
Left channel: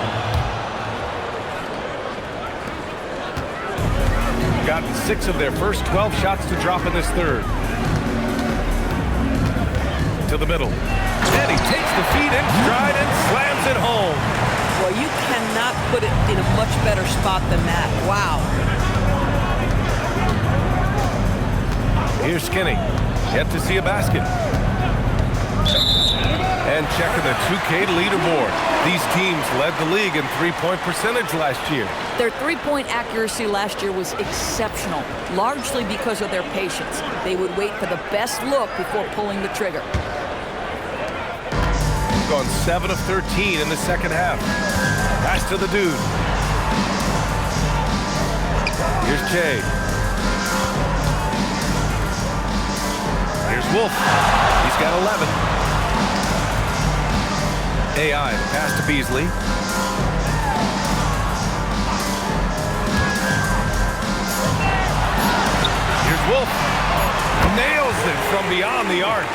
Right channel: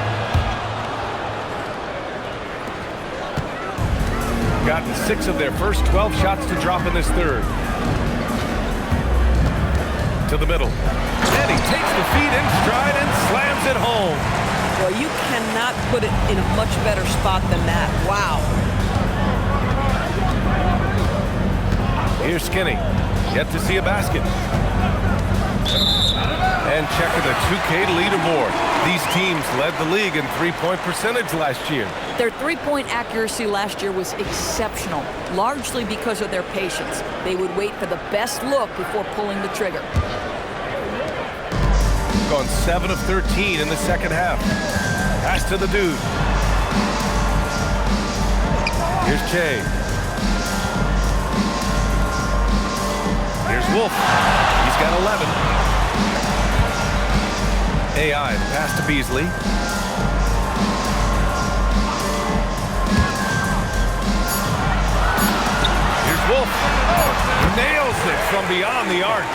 Gotten 6 of their first 12 shots to drop in this third. To the middle. And he takes the feed in stride and slams it home. Well, you cannot put it in a much better spot than that. Wow. Here's Skinny. Yet to see a basket. And checking the 2K leaderboard. These teams led the league in three-point percentage last year. Their three-point accuracy last year was exceptional, largely because of their patience. They would wait for the best look before pulling the trigger. Gone 7 of 13 in the second half. Pass to the dude. Here's Che. Here's Wolf. He's got 11. AI, the pass to Beasley. Here's Wolf. Nails it from beyond the arc.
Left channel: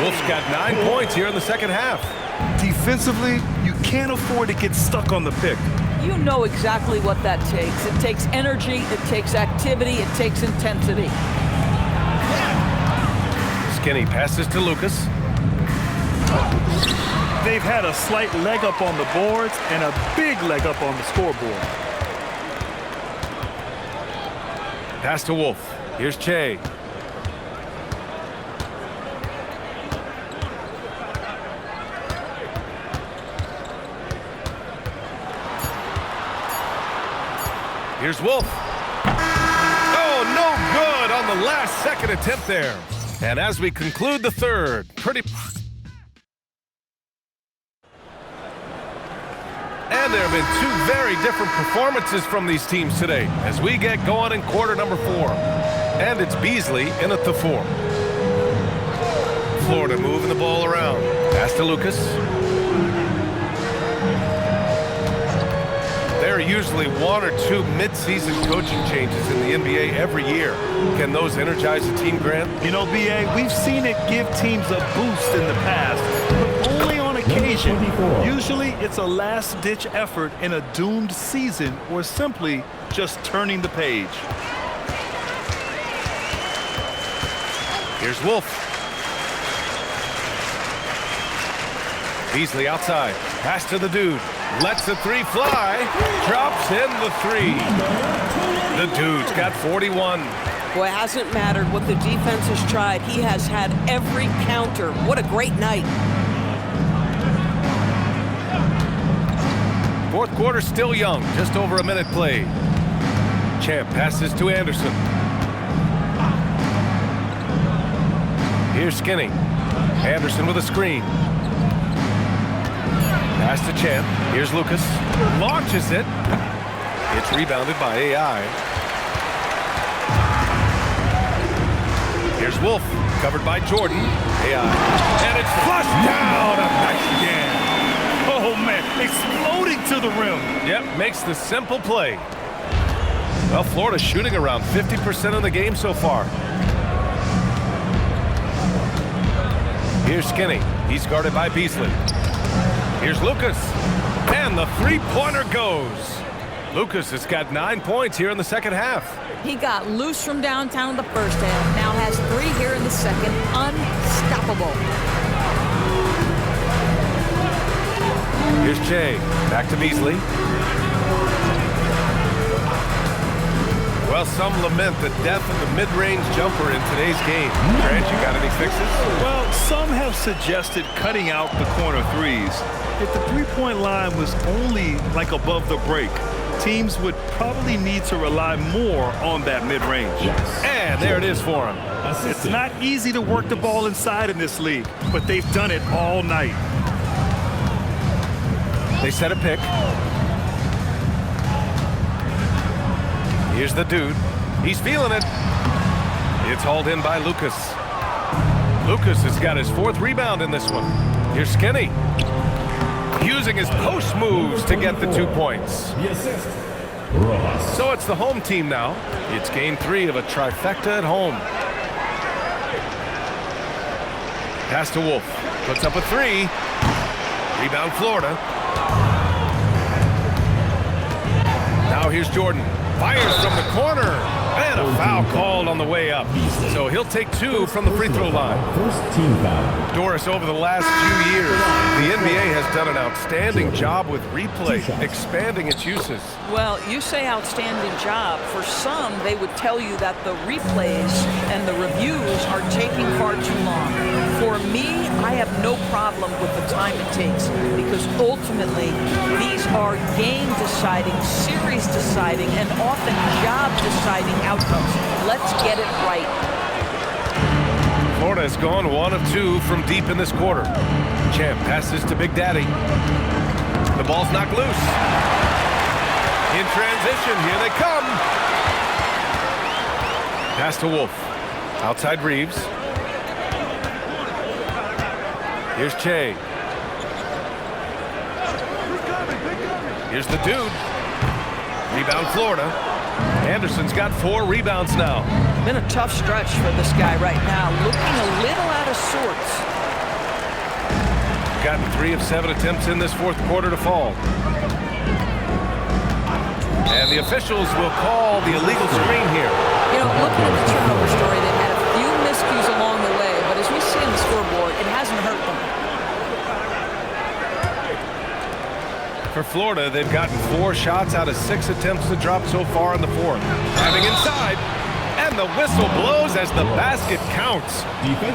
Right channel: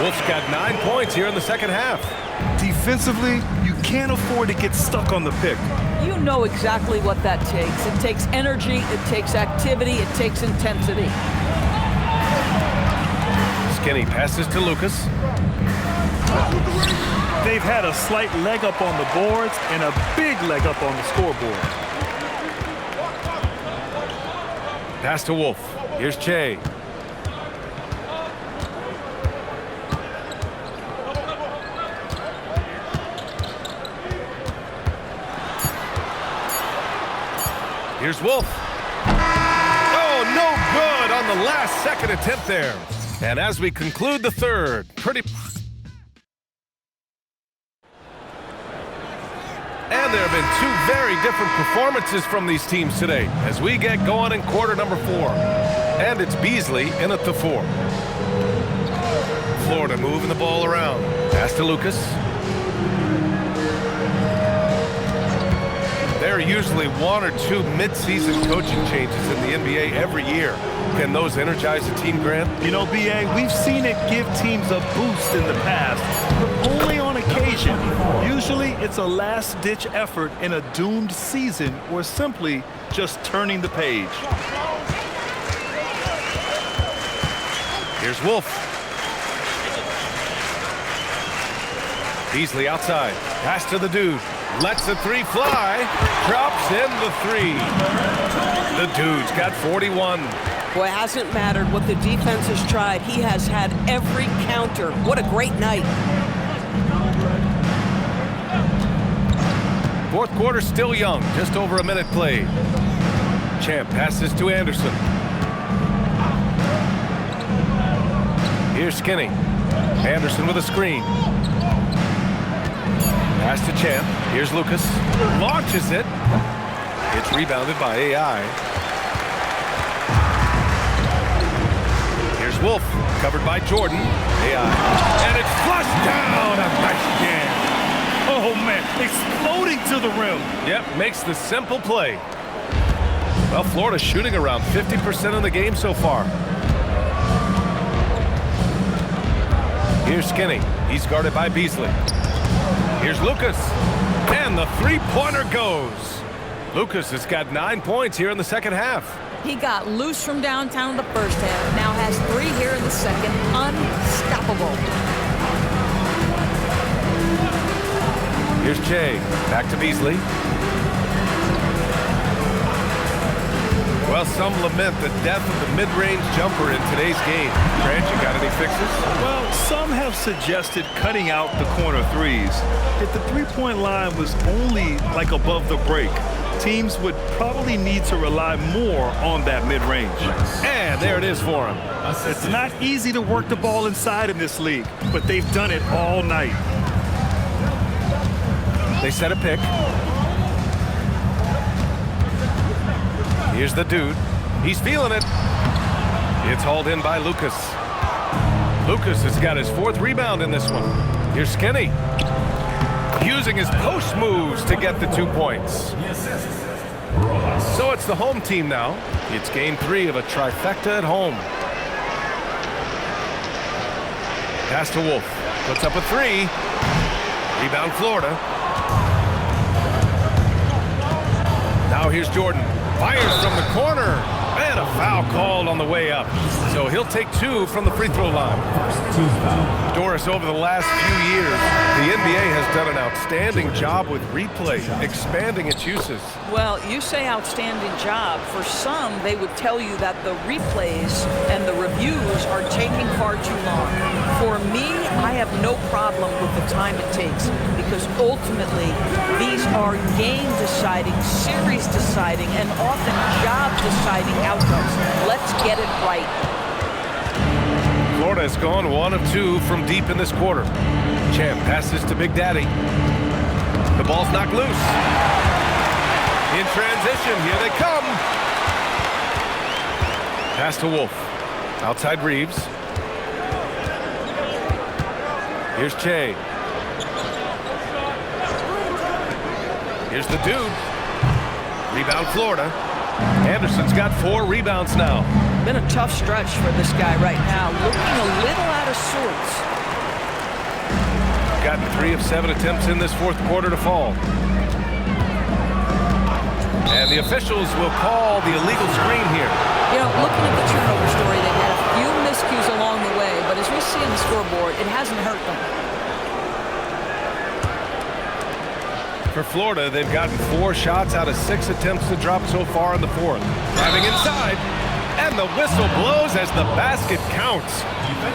Wolf's got 9 points here in the second half. Defensively, you can't afford to get stuck on the pick. You know exactly what that takes. It takes energy, it takes activity, it takes intensity. Skinny passes to Lucas. They've had a slight leg up on the boards and a big leg up on the scoreboard. Pass to Wolf. Here's Che. Here's Wolf. Oh, no good on the last second attempt there. And as we conclude the third, And there have been 2 very different performances from these teams today as we get going in quarter number 4. And it's Beasley in at the 4. Florida moving the ball around. Pass to Lucas. There are usually 1 or 2 mid-season coaching changes in the NBA every year. Can those energize a team, Grant? You know, B.A., we've seen it give teams a boost in the past, but only on occasion. Usually it's a last-ditch effort in a doomed season or simply just turning the page. Here's Wolf. Beasley outside. Pass to the dude. Lets the 3 fly. Drops in the 3. The dude's got 41. Boy, it hasn't mattered what the defense has tried. He has had every counter. What a great night. Fourth quarter still young. Just over a minute played. Champ passes to Anderson. Here's Skinny. Anderson with a screen. Pass to Champ. Here's Lucas. Launches it. It's rebounded by AI. Here's Wolf. Covered by Jordan. AI. And it's flushed down. A nice jam. Oh, man. Exploding to the rim. Yep. Makes the simple play. Well, Florida's shooting around 50% of the game so far. Here's Skinny. He's guarded by Beasley. Here's Lucas. And the three-pointer goes. Lucas has got 9 points here in the second half. He got loose from downtown in the first half. Now has 3 here in the second. Unstoppable. Here's Che. Back to Beasley. Well, some lament the death of the mid-range jumper in today's game. Grant, you got any fixes? Well, some have suggested cutting out the corner threes. If the three-point line was only like above the break, teams would probably need to rely more on that mid-range. And there it is for him. It's not easy to work the ball inside in this league, but they've done it all night. They set a pick. Here's the dude. He's feeling it. It's hauled in by Lucas. Lucas has got his 4th rebound in this one. Here's Skinny. Using his post moves to get the 2 points. So it's the home team now. It's game 3 of a trifecta at home. Pass to Wolf. Puts up a three. Rebound Florida. Now here's Jordan. Fires from the corner. And a foul called on the way up. So he'll take 2 from the free throw line. First team foul. Doris, over the last few years, the NBA has done an outstanding job with replay, expanding its uses. Well, you say outstanding job. For some, they would tell you that the replays and the reviews are taking far too long. For me, I have no problem with the time it takes because ultimately, these are game-deciding, series-deciding, and often job-deciding outcomes. Let's get it right. Florida has gone 1 of 2 from deep in this quarter. Champ passes to Big Daddy. The ball's knocked loose. In transition, here they come. Pass to Wolf. Outside Reeves. Here's Che. Here's the dude. Rebound Florida. Anderson's got 4 rebounds now. Been a tough stretch for this guy right now. Looking a little out of sorts. Gotten 3 of 7 attempts in this fourth quarter to fall. And the officials will call the illegal screen here. You know, looking at the turnover story, they've had a few miscues along the way, but as we see on the scoreboard, it hasn't hurt them. For Florida, they've gotten 4 shots out of 6 attempts to drop so far in the fourth. Driving inside, and the whistle blows as the basket counts.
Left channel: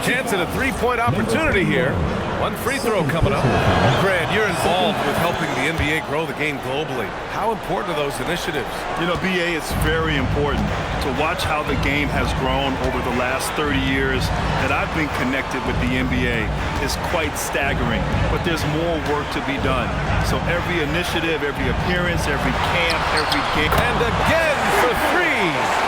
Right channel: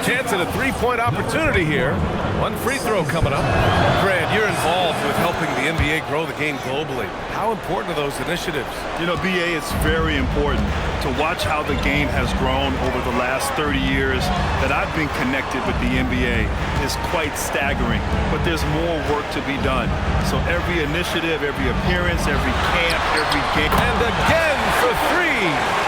Chance at a 3-point opportunity here. 1 free throw coming up. Grant, you're involved with helping the NBA grow the game globally. How important are those initiatives? You know, BA, it's very important to watch how the game has grown over the last 30 years that I've been connected with the NBA is quite staggering, but there's more work to be done. So every initiative, every appearance, every camp, every game. And again for 3.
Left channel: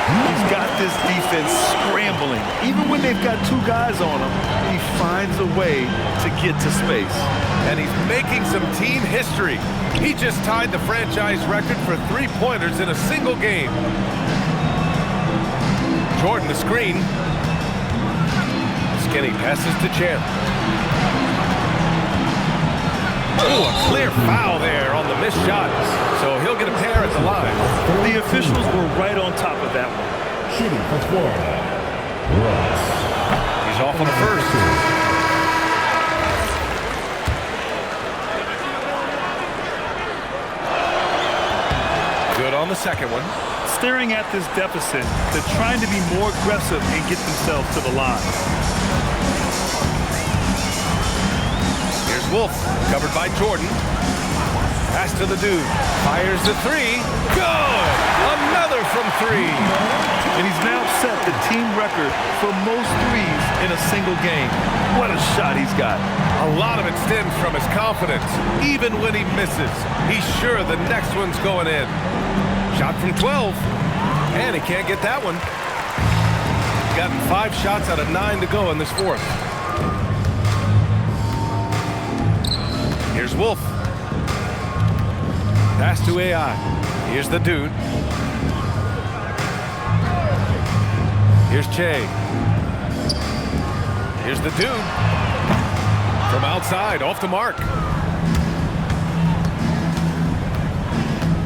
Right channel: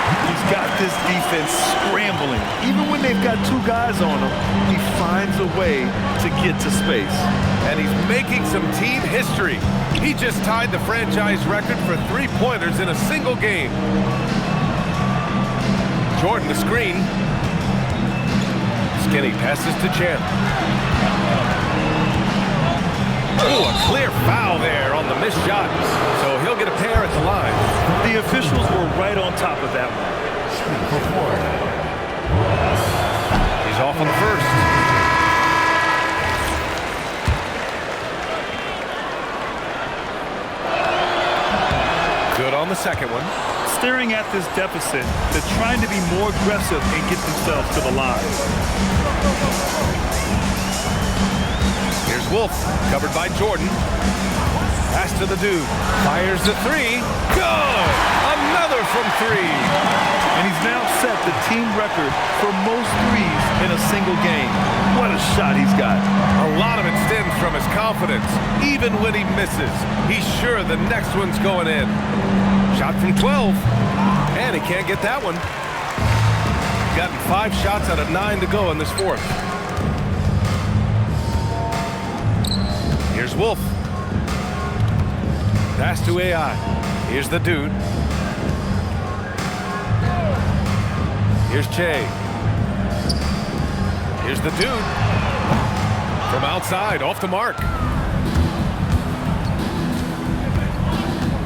He's got this defense scrambling. Even when they've got 2 guys on him, he finds a way to get to space. And he's making some team history. He just tied the franchise record for 3-pointers in a single game. Jordan the screen. Skinny passes to Champ. Oh, a clear foul there on the missed shot. So he'll get a pair at the line. The officials were right on top of that one. Shooting for Florida, Russ. He's off on the first. Good on the second one. Staring at this deficit, they're trying to be more aggressive and get themselves to the line. Here's Wolf, covered by Jordan. Pass to the dude. Fires the 3. Good! Another from 3. And he's now set the team record for most threes in a single game. What a shot he's got. A lot of it stems from his confidence. Even when he misses, he's sure the next one's going in. Shot from 12. And he can't get that one. Gotten 5 shots out of 9 to go in this fourth. Here's Wolf. Pass to AI. Here's the dude. Here's Che. Here's the dude. From outside, off the mark.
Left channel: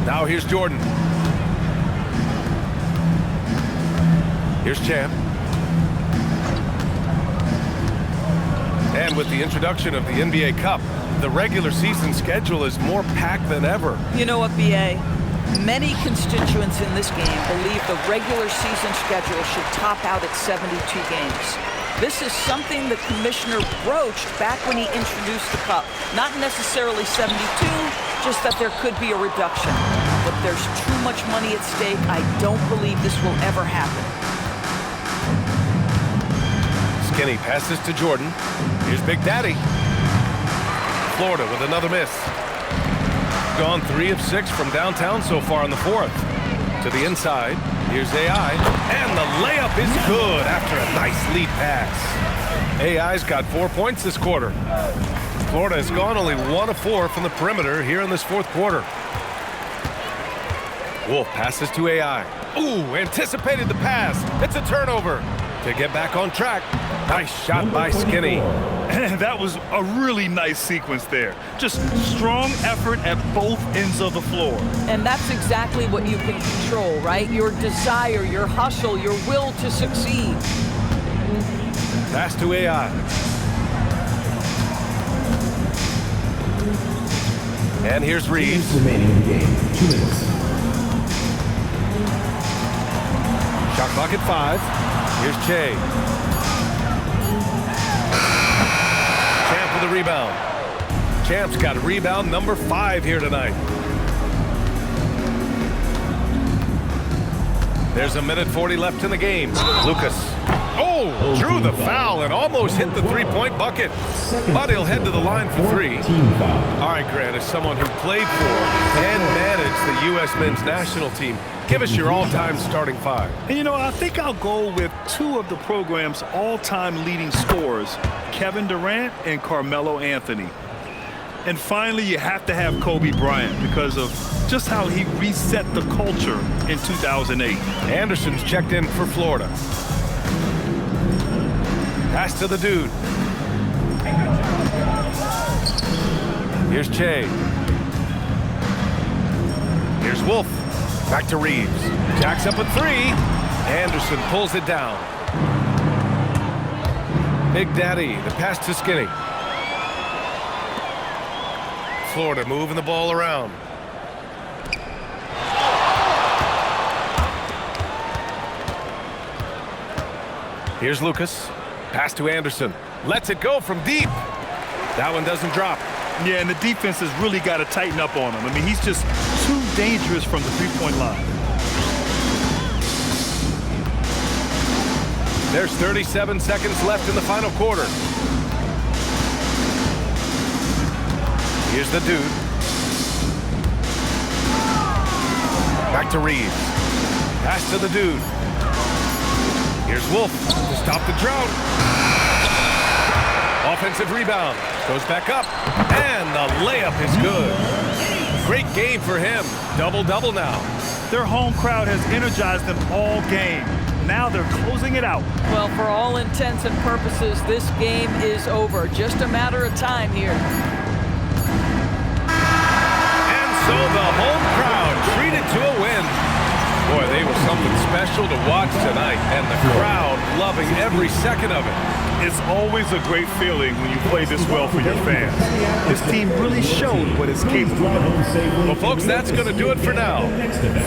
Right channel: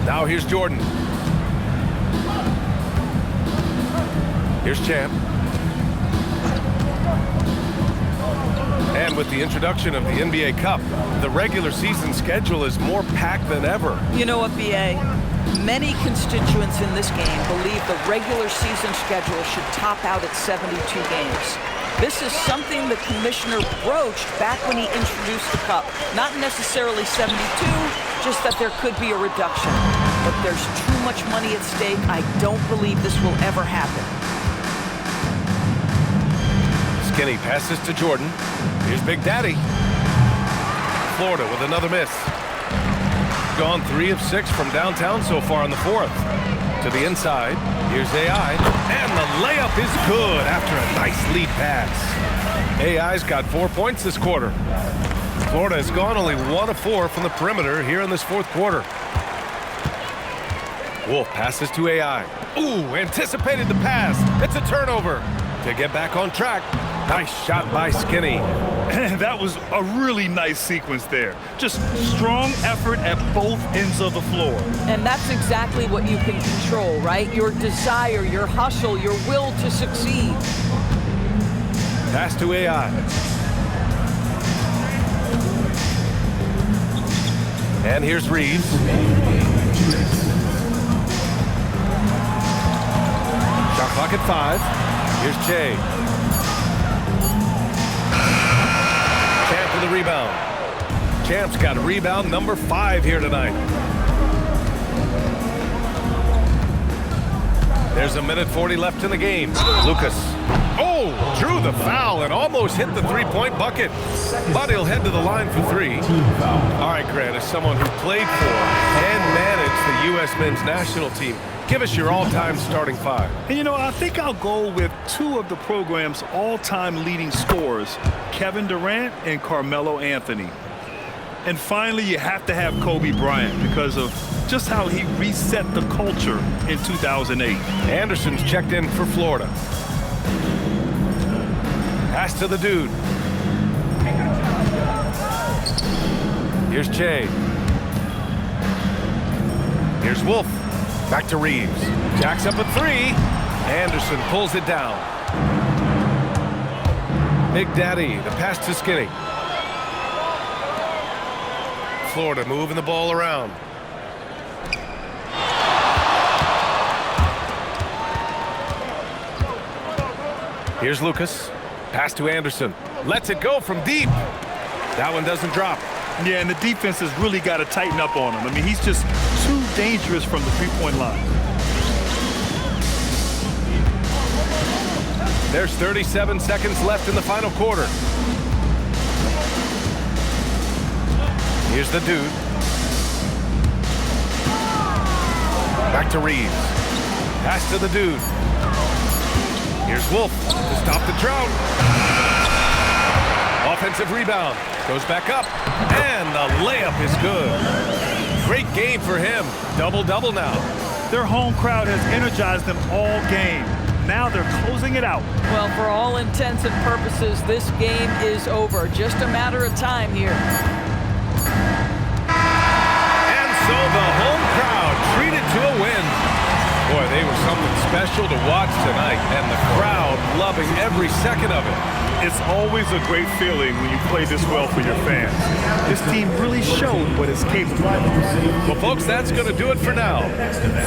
Now here's Jordan. Here's Champ. And with the introduction of the NBA Cup, the regular season schedule is more packed than ever. You know what, BA? Many constituents in this game believe the regular season schedule should top out at 72 games. This is something the commissioner broached back when he introduced the Cup. Not necessarily 72, just that there could be a reduction. But there's too much money at stake. I don't believe this will ever happen. Skinny passes to Jordan. Here's Big Daddy. Florida with another miss. Gone 3 of 6 from downtown so far in the fourth. To the inside. Here's AI. And the layup is good after a nice lead pass. AI's got 4 points this quarter. Florida has gone only 1 of 4 from the perimeter here in this fourth quarter. Wolf passes to AI. Ooh, anticipated the pass. It's a turnover. To get back on track. Nice shot by Skinny. And that was a really nice sequence there. Just strong effort at both ends of the floor. And that's exactly what you can control, right? Your desire, your hustle, your will to succeed. Pass to AI. And here's Reeves. Remaining in the game, 2 minutes. Shot clock at 5. Here's Che. Champ with a rebound. Champ's got a rebound number 5 here tonight. There's a minute 40 left in the game. Lucas. Oh, drew the foul and almost hit the three-point bucket. But he'll head to the line for 3. Team foul. All right, Grant, as someone who played for and managed the U.S. men's national team, give us your all-time starting 5. And you know, I think I'll go with 2 of the program's all-time leading scorers, Kevin Durant and Carmelo Anthony. And finally, you have to have Kobe Bryant because of just how he reset the culture in 2008. Anderson's checked in for Florida. Pass to the dude. Here's Che. Here's Wolf. Back to Reeves. Jacks up at 3. Anderson pulls it down. Big Daddy, the pass to Skinny. Florida moving the ball around. Here's Lucas. Pass to Anderson. Lets it go from deep. That one doesn't drop. Yeah, and the defense has really got to tighten up on him. I mean, he's just too dangerous from the three-point line. There's 37 seconds left in the final quarter. Here's the dude. Back to Reeves. Pass to the dude. Here's Wolf to stop the drought. Offensive rebound. Goes back up. And the layup is good. Great game for him. Double-double now. Their home crowd has energized them all game. Now they're closing it out. Well, for all intents and purposes, this game is over. Just a matter of time here. And so the home crowd treated to a win. Boy, they were something special to watch tonight, and the crowd loving every second of it. It's always a great feeling when you play this well for your fans. This team really showed what it's capable of. Well, folks, that's going to do it for now.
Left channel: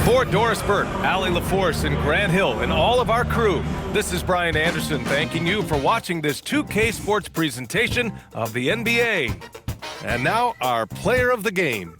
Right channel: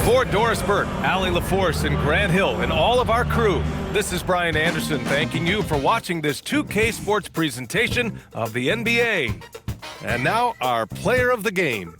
For Doris Burke, Allie LaForce, and Grant Hill, and all of our crew, this is Brian Anderson thanking you for watching this 2K Sports presentation of the NBA. And now, our player of the game.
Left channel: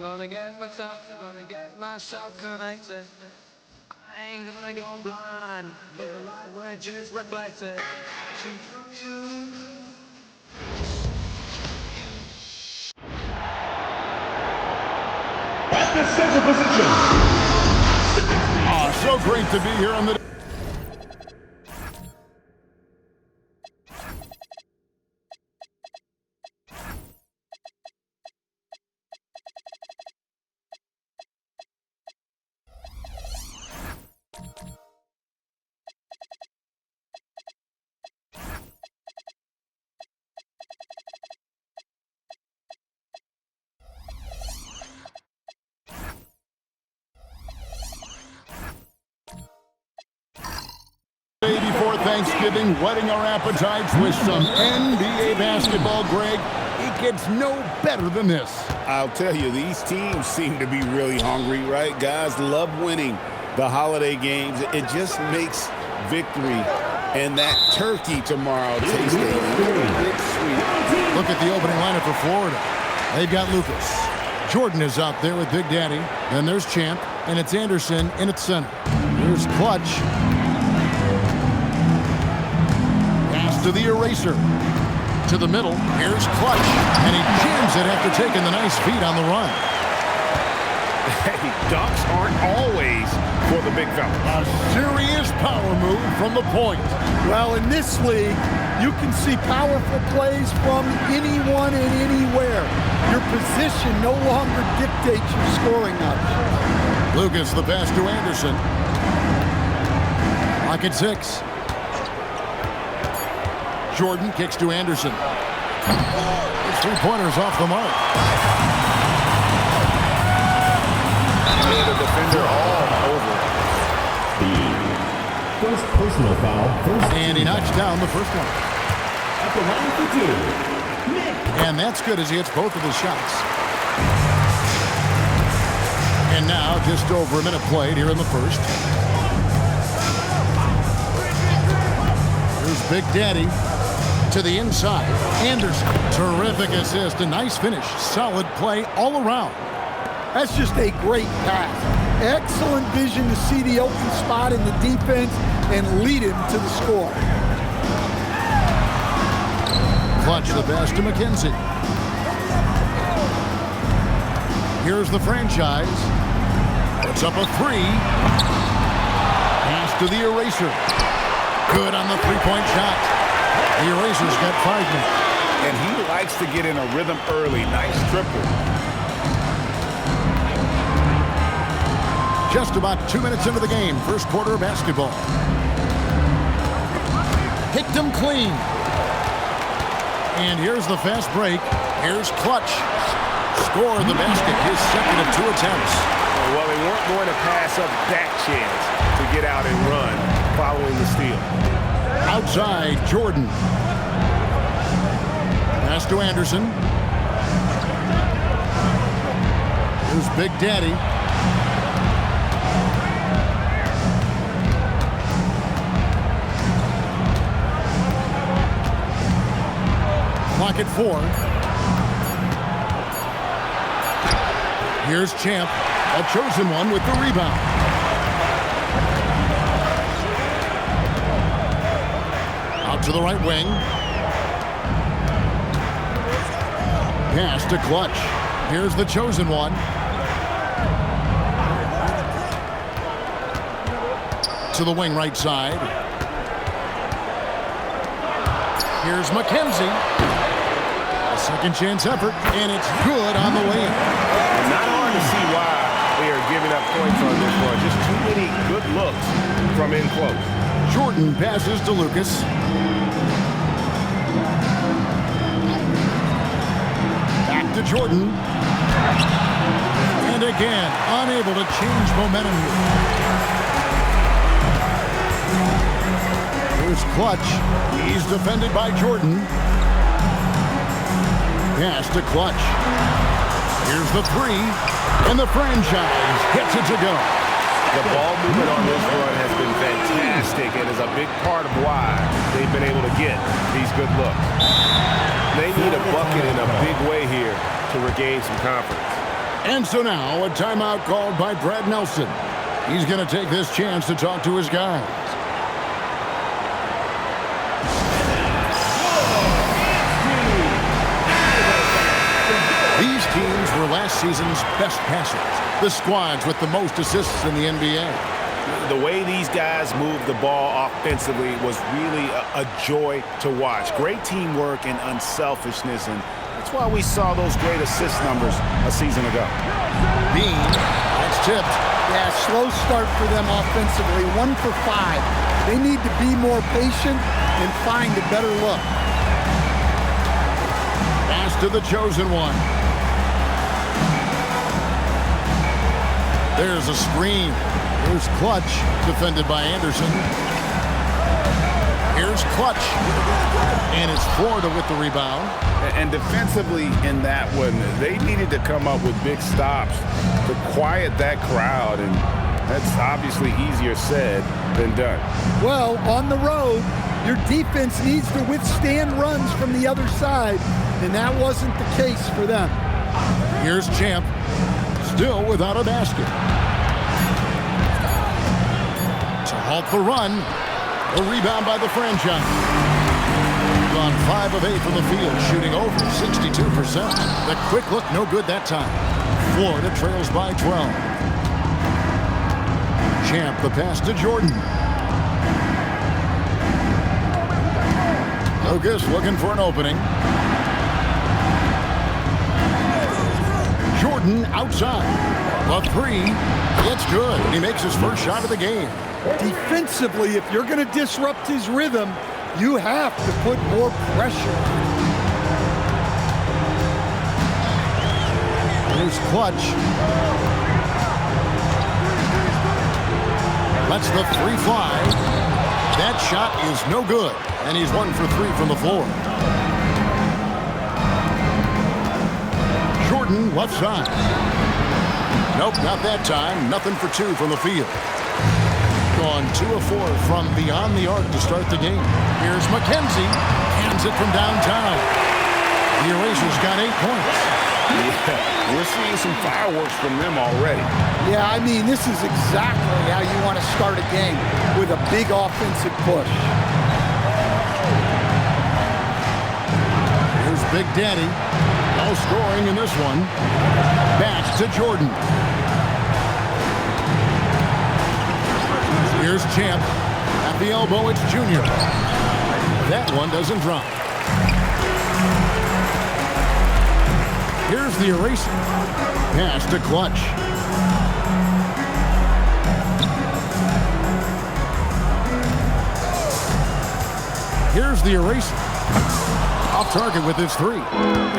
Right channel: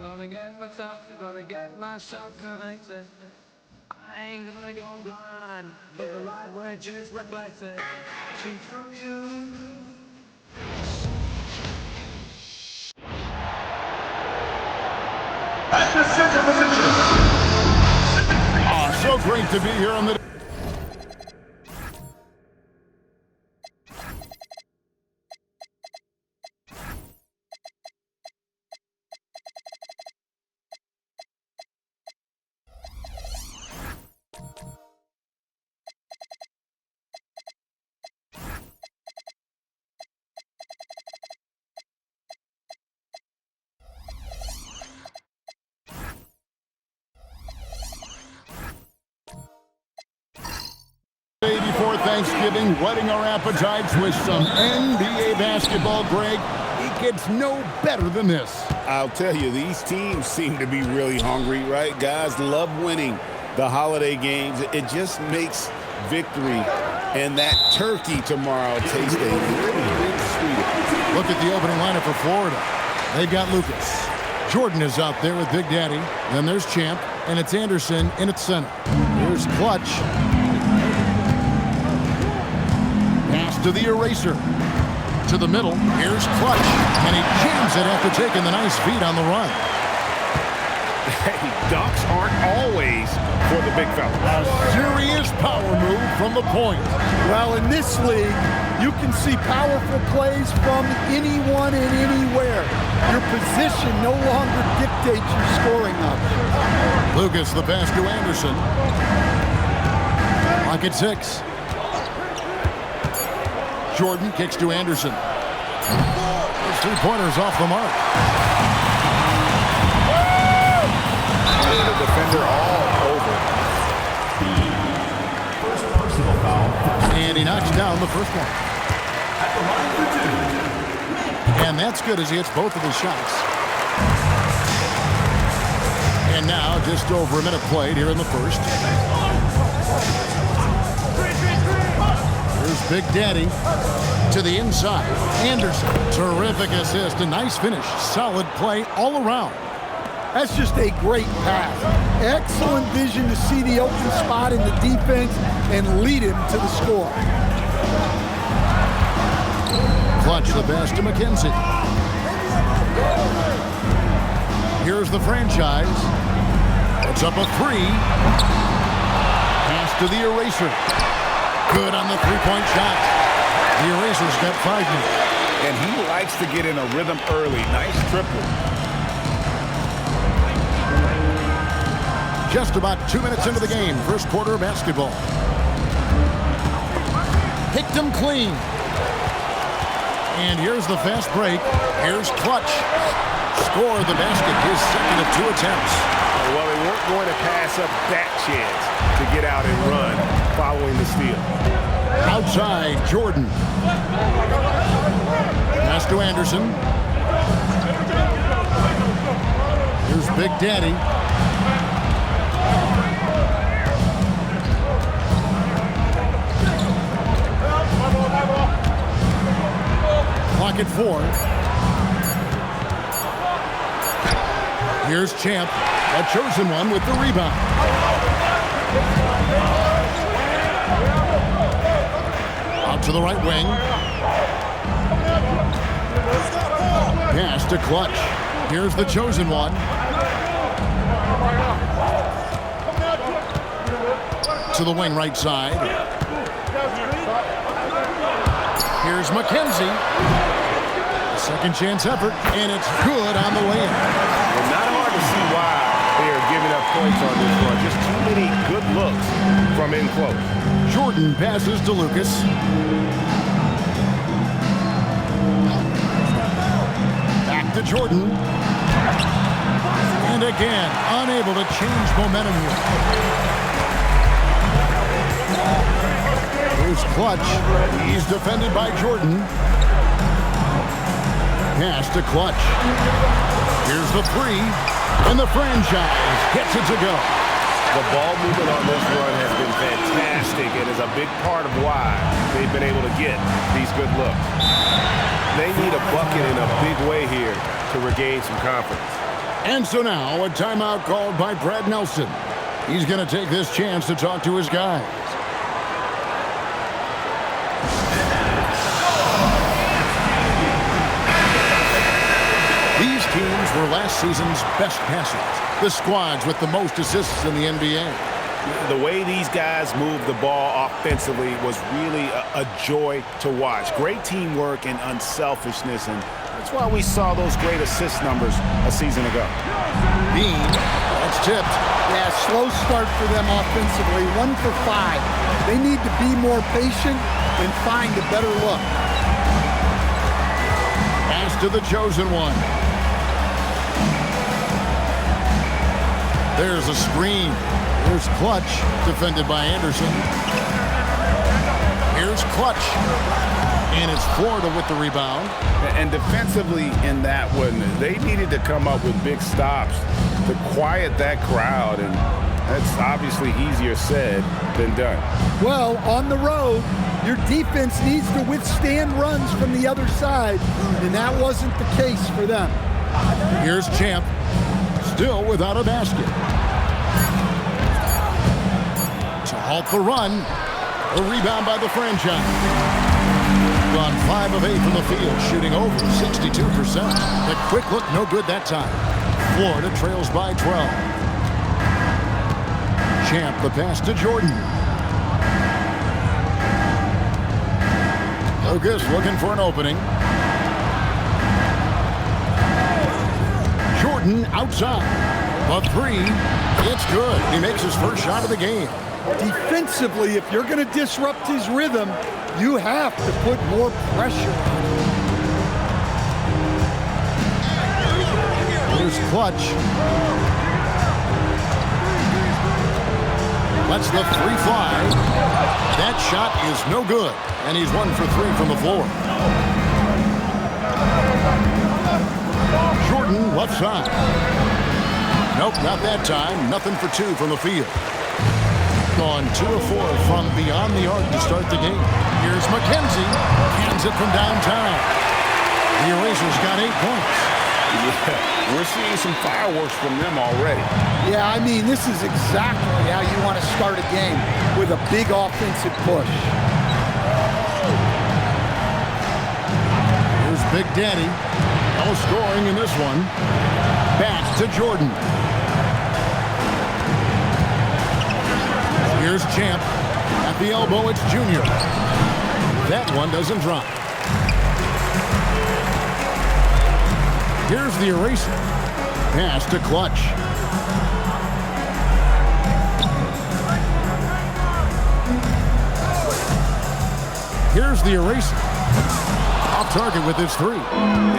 Gonna get myself, gonna get myself connected. I ain't gonna go blind, but the light will just reflect it. From you. At the center position. So great to be here on the before Thanksgiving, whetting our appetites with some NBA basketball, Greg. It gets no better than this. I'll tell you, these teams seem to be really hungry, right? Guys love winning the holiday games. It just makes victory and that turkey tomorrow taste a little bit sweeter. Look at the opening lineup for Florida. They've got Lucas. Jordan is out there with Big Daddy. Then there's Champ, and it's Anderson in at center. Here's Clutch. Pass to the eraser. To the middle. Here's Clutch. And he jams it after taking the nice feed on the run. Hey, dunks aren't always for the big fella. A serious power move from the point. Well, in this league, you can see powerful plays from anyone and anywhere. Your position no longer dictates your scoring options. Lucas, the pass to Anderson. Clock at 6. Jordan kicks to Anderson. His three-pointers off the mark. And the defender all over. First personal foul. And he knocks down the first one. At the line for 2. And that's good as he hits both of his shots. And now just over a minute played here in the first. Here's Big Daddy to the inside. Anderson, terrific assist, a nice finish. Solid play all around. That's just a great pass. Excellent vision to see the open spot in the defense and lead him to the score. Clutch the pass to McKenzie. Here's the franchise. It's up a 3. Pass to the eraser. Good on the three-point shot. The eraser's got 5 minutes. And he likes to get in a rhythm early. Nice triple. Just about 2 minutes into the game. First quarter of basketball. Picked him clean. And here's the fast break. Here's Clutch. Score the basket. His second of 2 attempts. Well, they weren't going to pass up that chance to get out and run following the steal. Outside, Jordan. Pass to Anderson. Here's Big Daddy. Clock at 4. Here's Champ, a chosen one with the rebound. Out to the right wing. Pass to Clutch. Here's the chosen one. To the wing right side. Here's McKenzie. A second chance effort, and it's good on the way in. Well, not hard to see why they are giving up points on this run. Just too many good looks from in close. Jordan passes to Lucas. Back to Jordan. And again, unable to change momentum here. Here's Clutch. He's defended by Jordan. Pass to Clutch. Here's the 3. And the franchise gets it to go. The ball movement on this run has been fantastic and is a big part of why they've been able to get these good looks. They need a bucket in a big way here to regain some confidence. And so now a timeout called by Brad Nelson. He's going to take this chance to talk to his guys. These teams were last season's best passers, the squads with the most assists in the NBA. The way these guys moved the ball offensively was really a joy to watch. Great teamwork and unselfishness, and that's why we saw those great assist numbers a season ago. Bean, that's tipped. Yeah, slow start for them offensively, 1 for 5. They need to be more patient and find a better look. Pass to the chosen one. There's a screen. Here's Clutch, defended by Anderson. Here's Clutch. And it's Florida with the rebound. And defensively in that one, they needed to come up with big stops to quiet that crowd, and that's obviously easier said than done. Well, on the road, your defense needs to withstand runs from the other side, and that wasn't the case for them. Here's Champ, still without a basket. To halt the run, a rebound by the franchise. Gone 5 of 8 from the field, shooting over 62%. The quick look, no good that time. Florida trails by 12. Champ, the pass to Jordan. Lucas looking for an opening. Jordan outside. The three, it's good. He makes his first shot of the game. Defensively, if you're going to disrupt his rhythm, you have to put more pressure on him. Here's Clutch. Lets the three fly. That shot is no good, and he's 1 for 3 from the floor. Jordan left side. Nope, not that time. Nothing for 2 from the field. Gone 2 of 4 from beyond the arc to start the game. Here's McKenzie. Cans it from downtown. The Erasers got 8 points. Yeah, we're seeing some fireworks from them already. Yeah, I mean, this is exactly how you want to start a game, with a big offensive push. Here's Big Daddy. No scoring in this one. Back to Jordan. Here's Champ. At the elbow, it's Junior. That one doesn't drop. Here's the Eraser. Pass to Clutch. Here's the Eraser. Off target with his 3.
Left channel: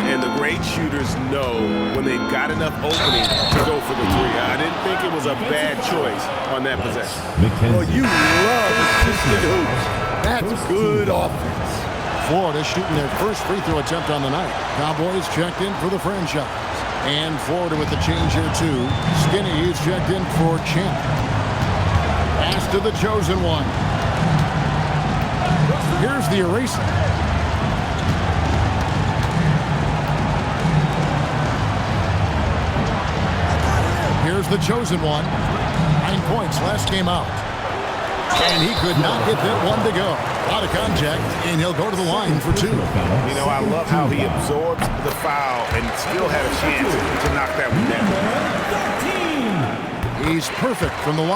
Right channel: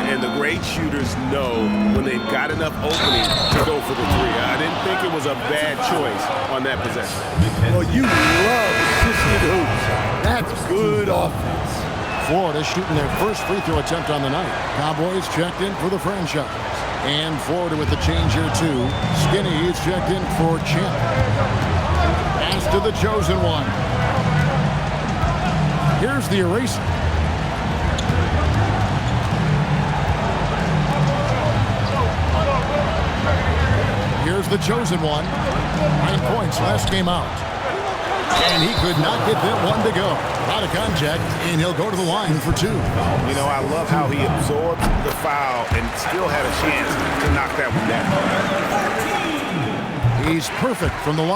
And the great shooters know when they've got enough opening to go for the 3. I didn't think it was a bad choice on that possession. Well, you love assisted hoops. That's good offense. Florida shooting their first free throw attempt on the night. Cowboys checked in for the franchise. And Florida with the change here too. Skinny is checked in for Champ. Pass to the chosen one. Here's the Eraser. Here's the chosen one. 9 points last game out. And he could not get that one to go. A lot of contact, and he'll go to the line for 2. You know, I love how he absorbed the foul and still had a chance to knock that one down. He's perfect from the line.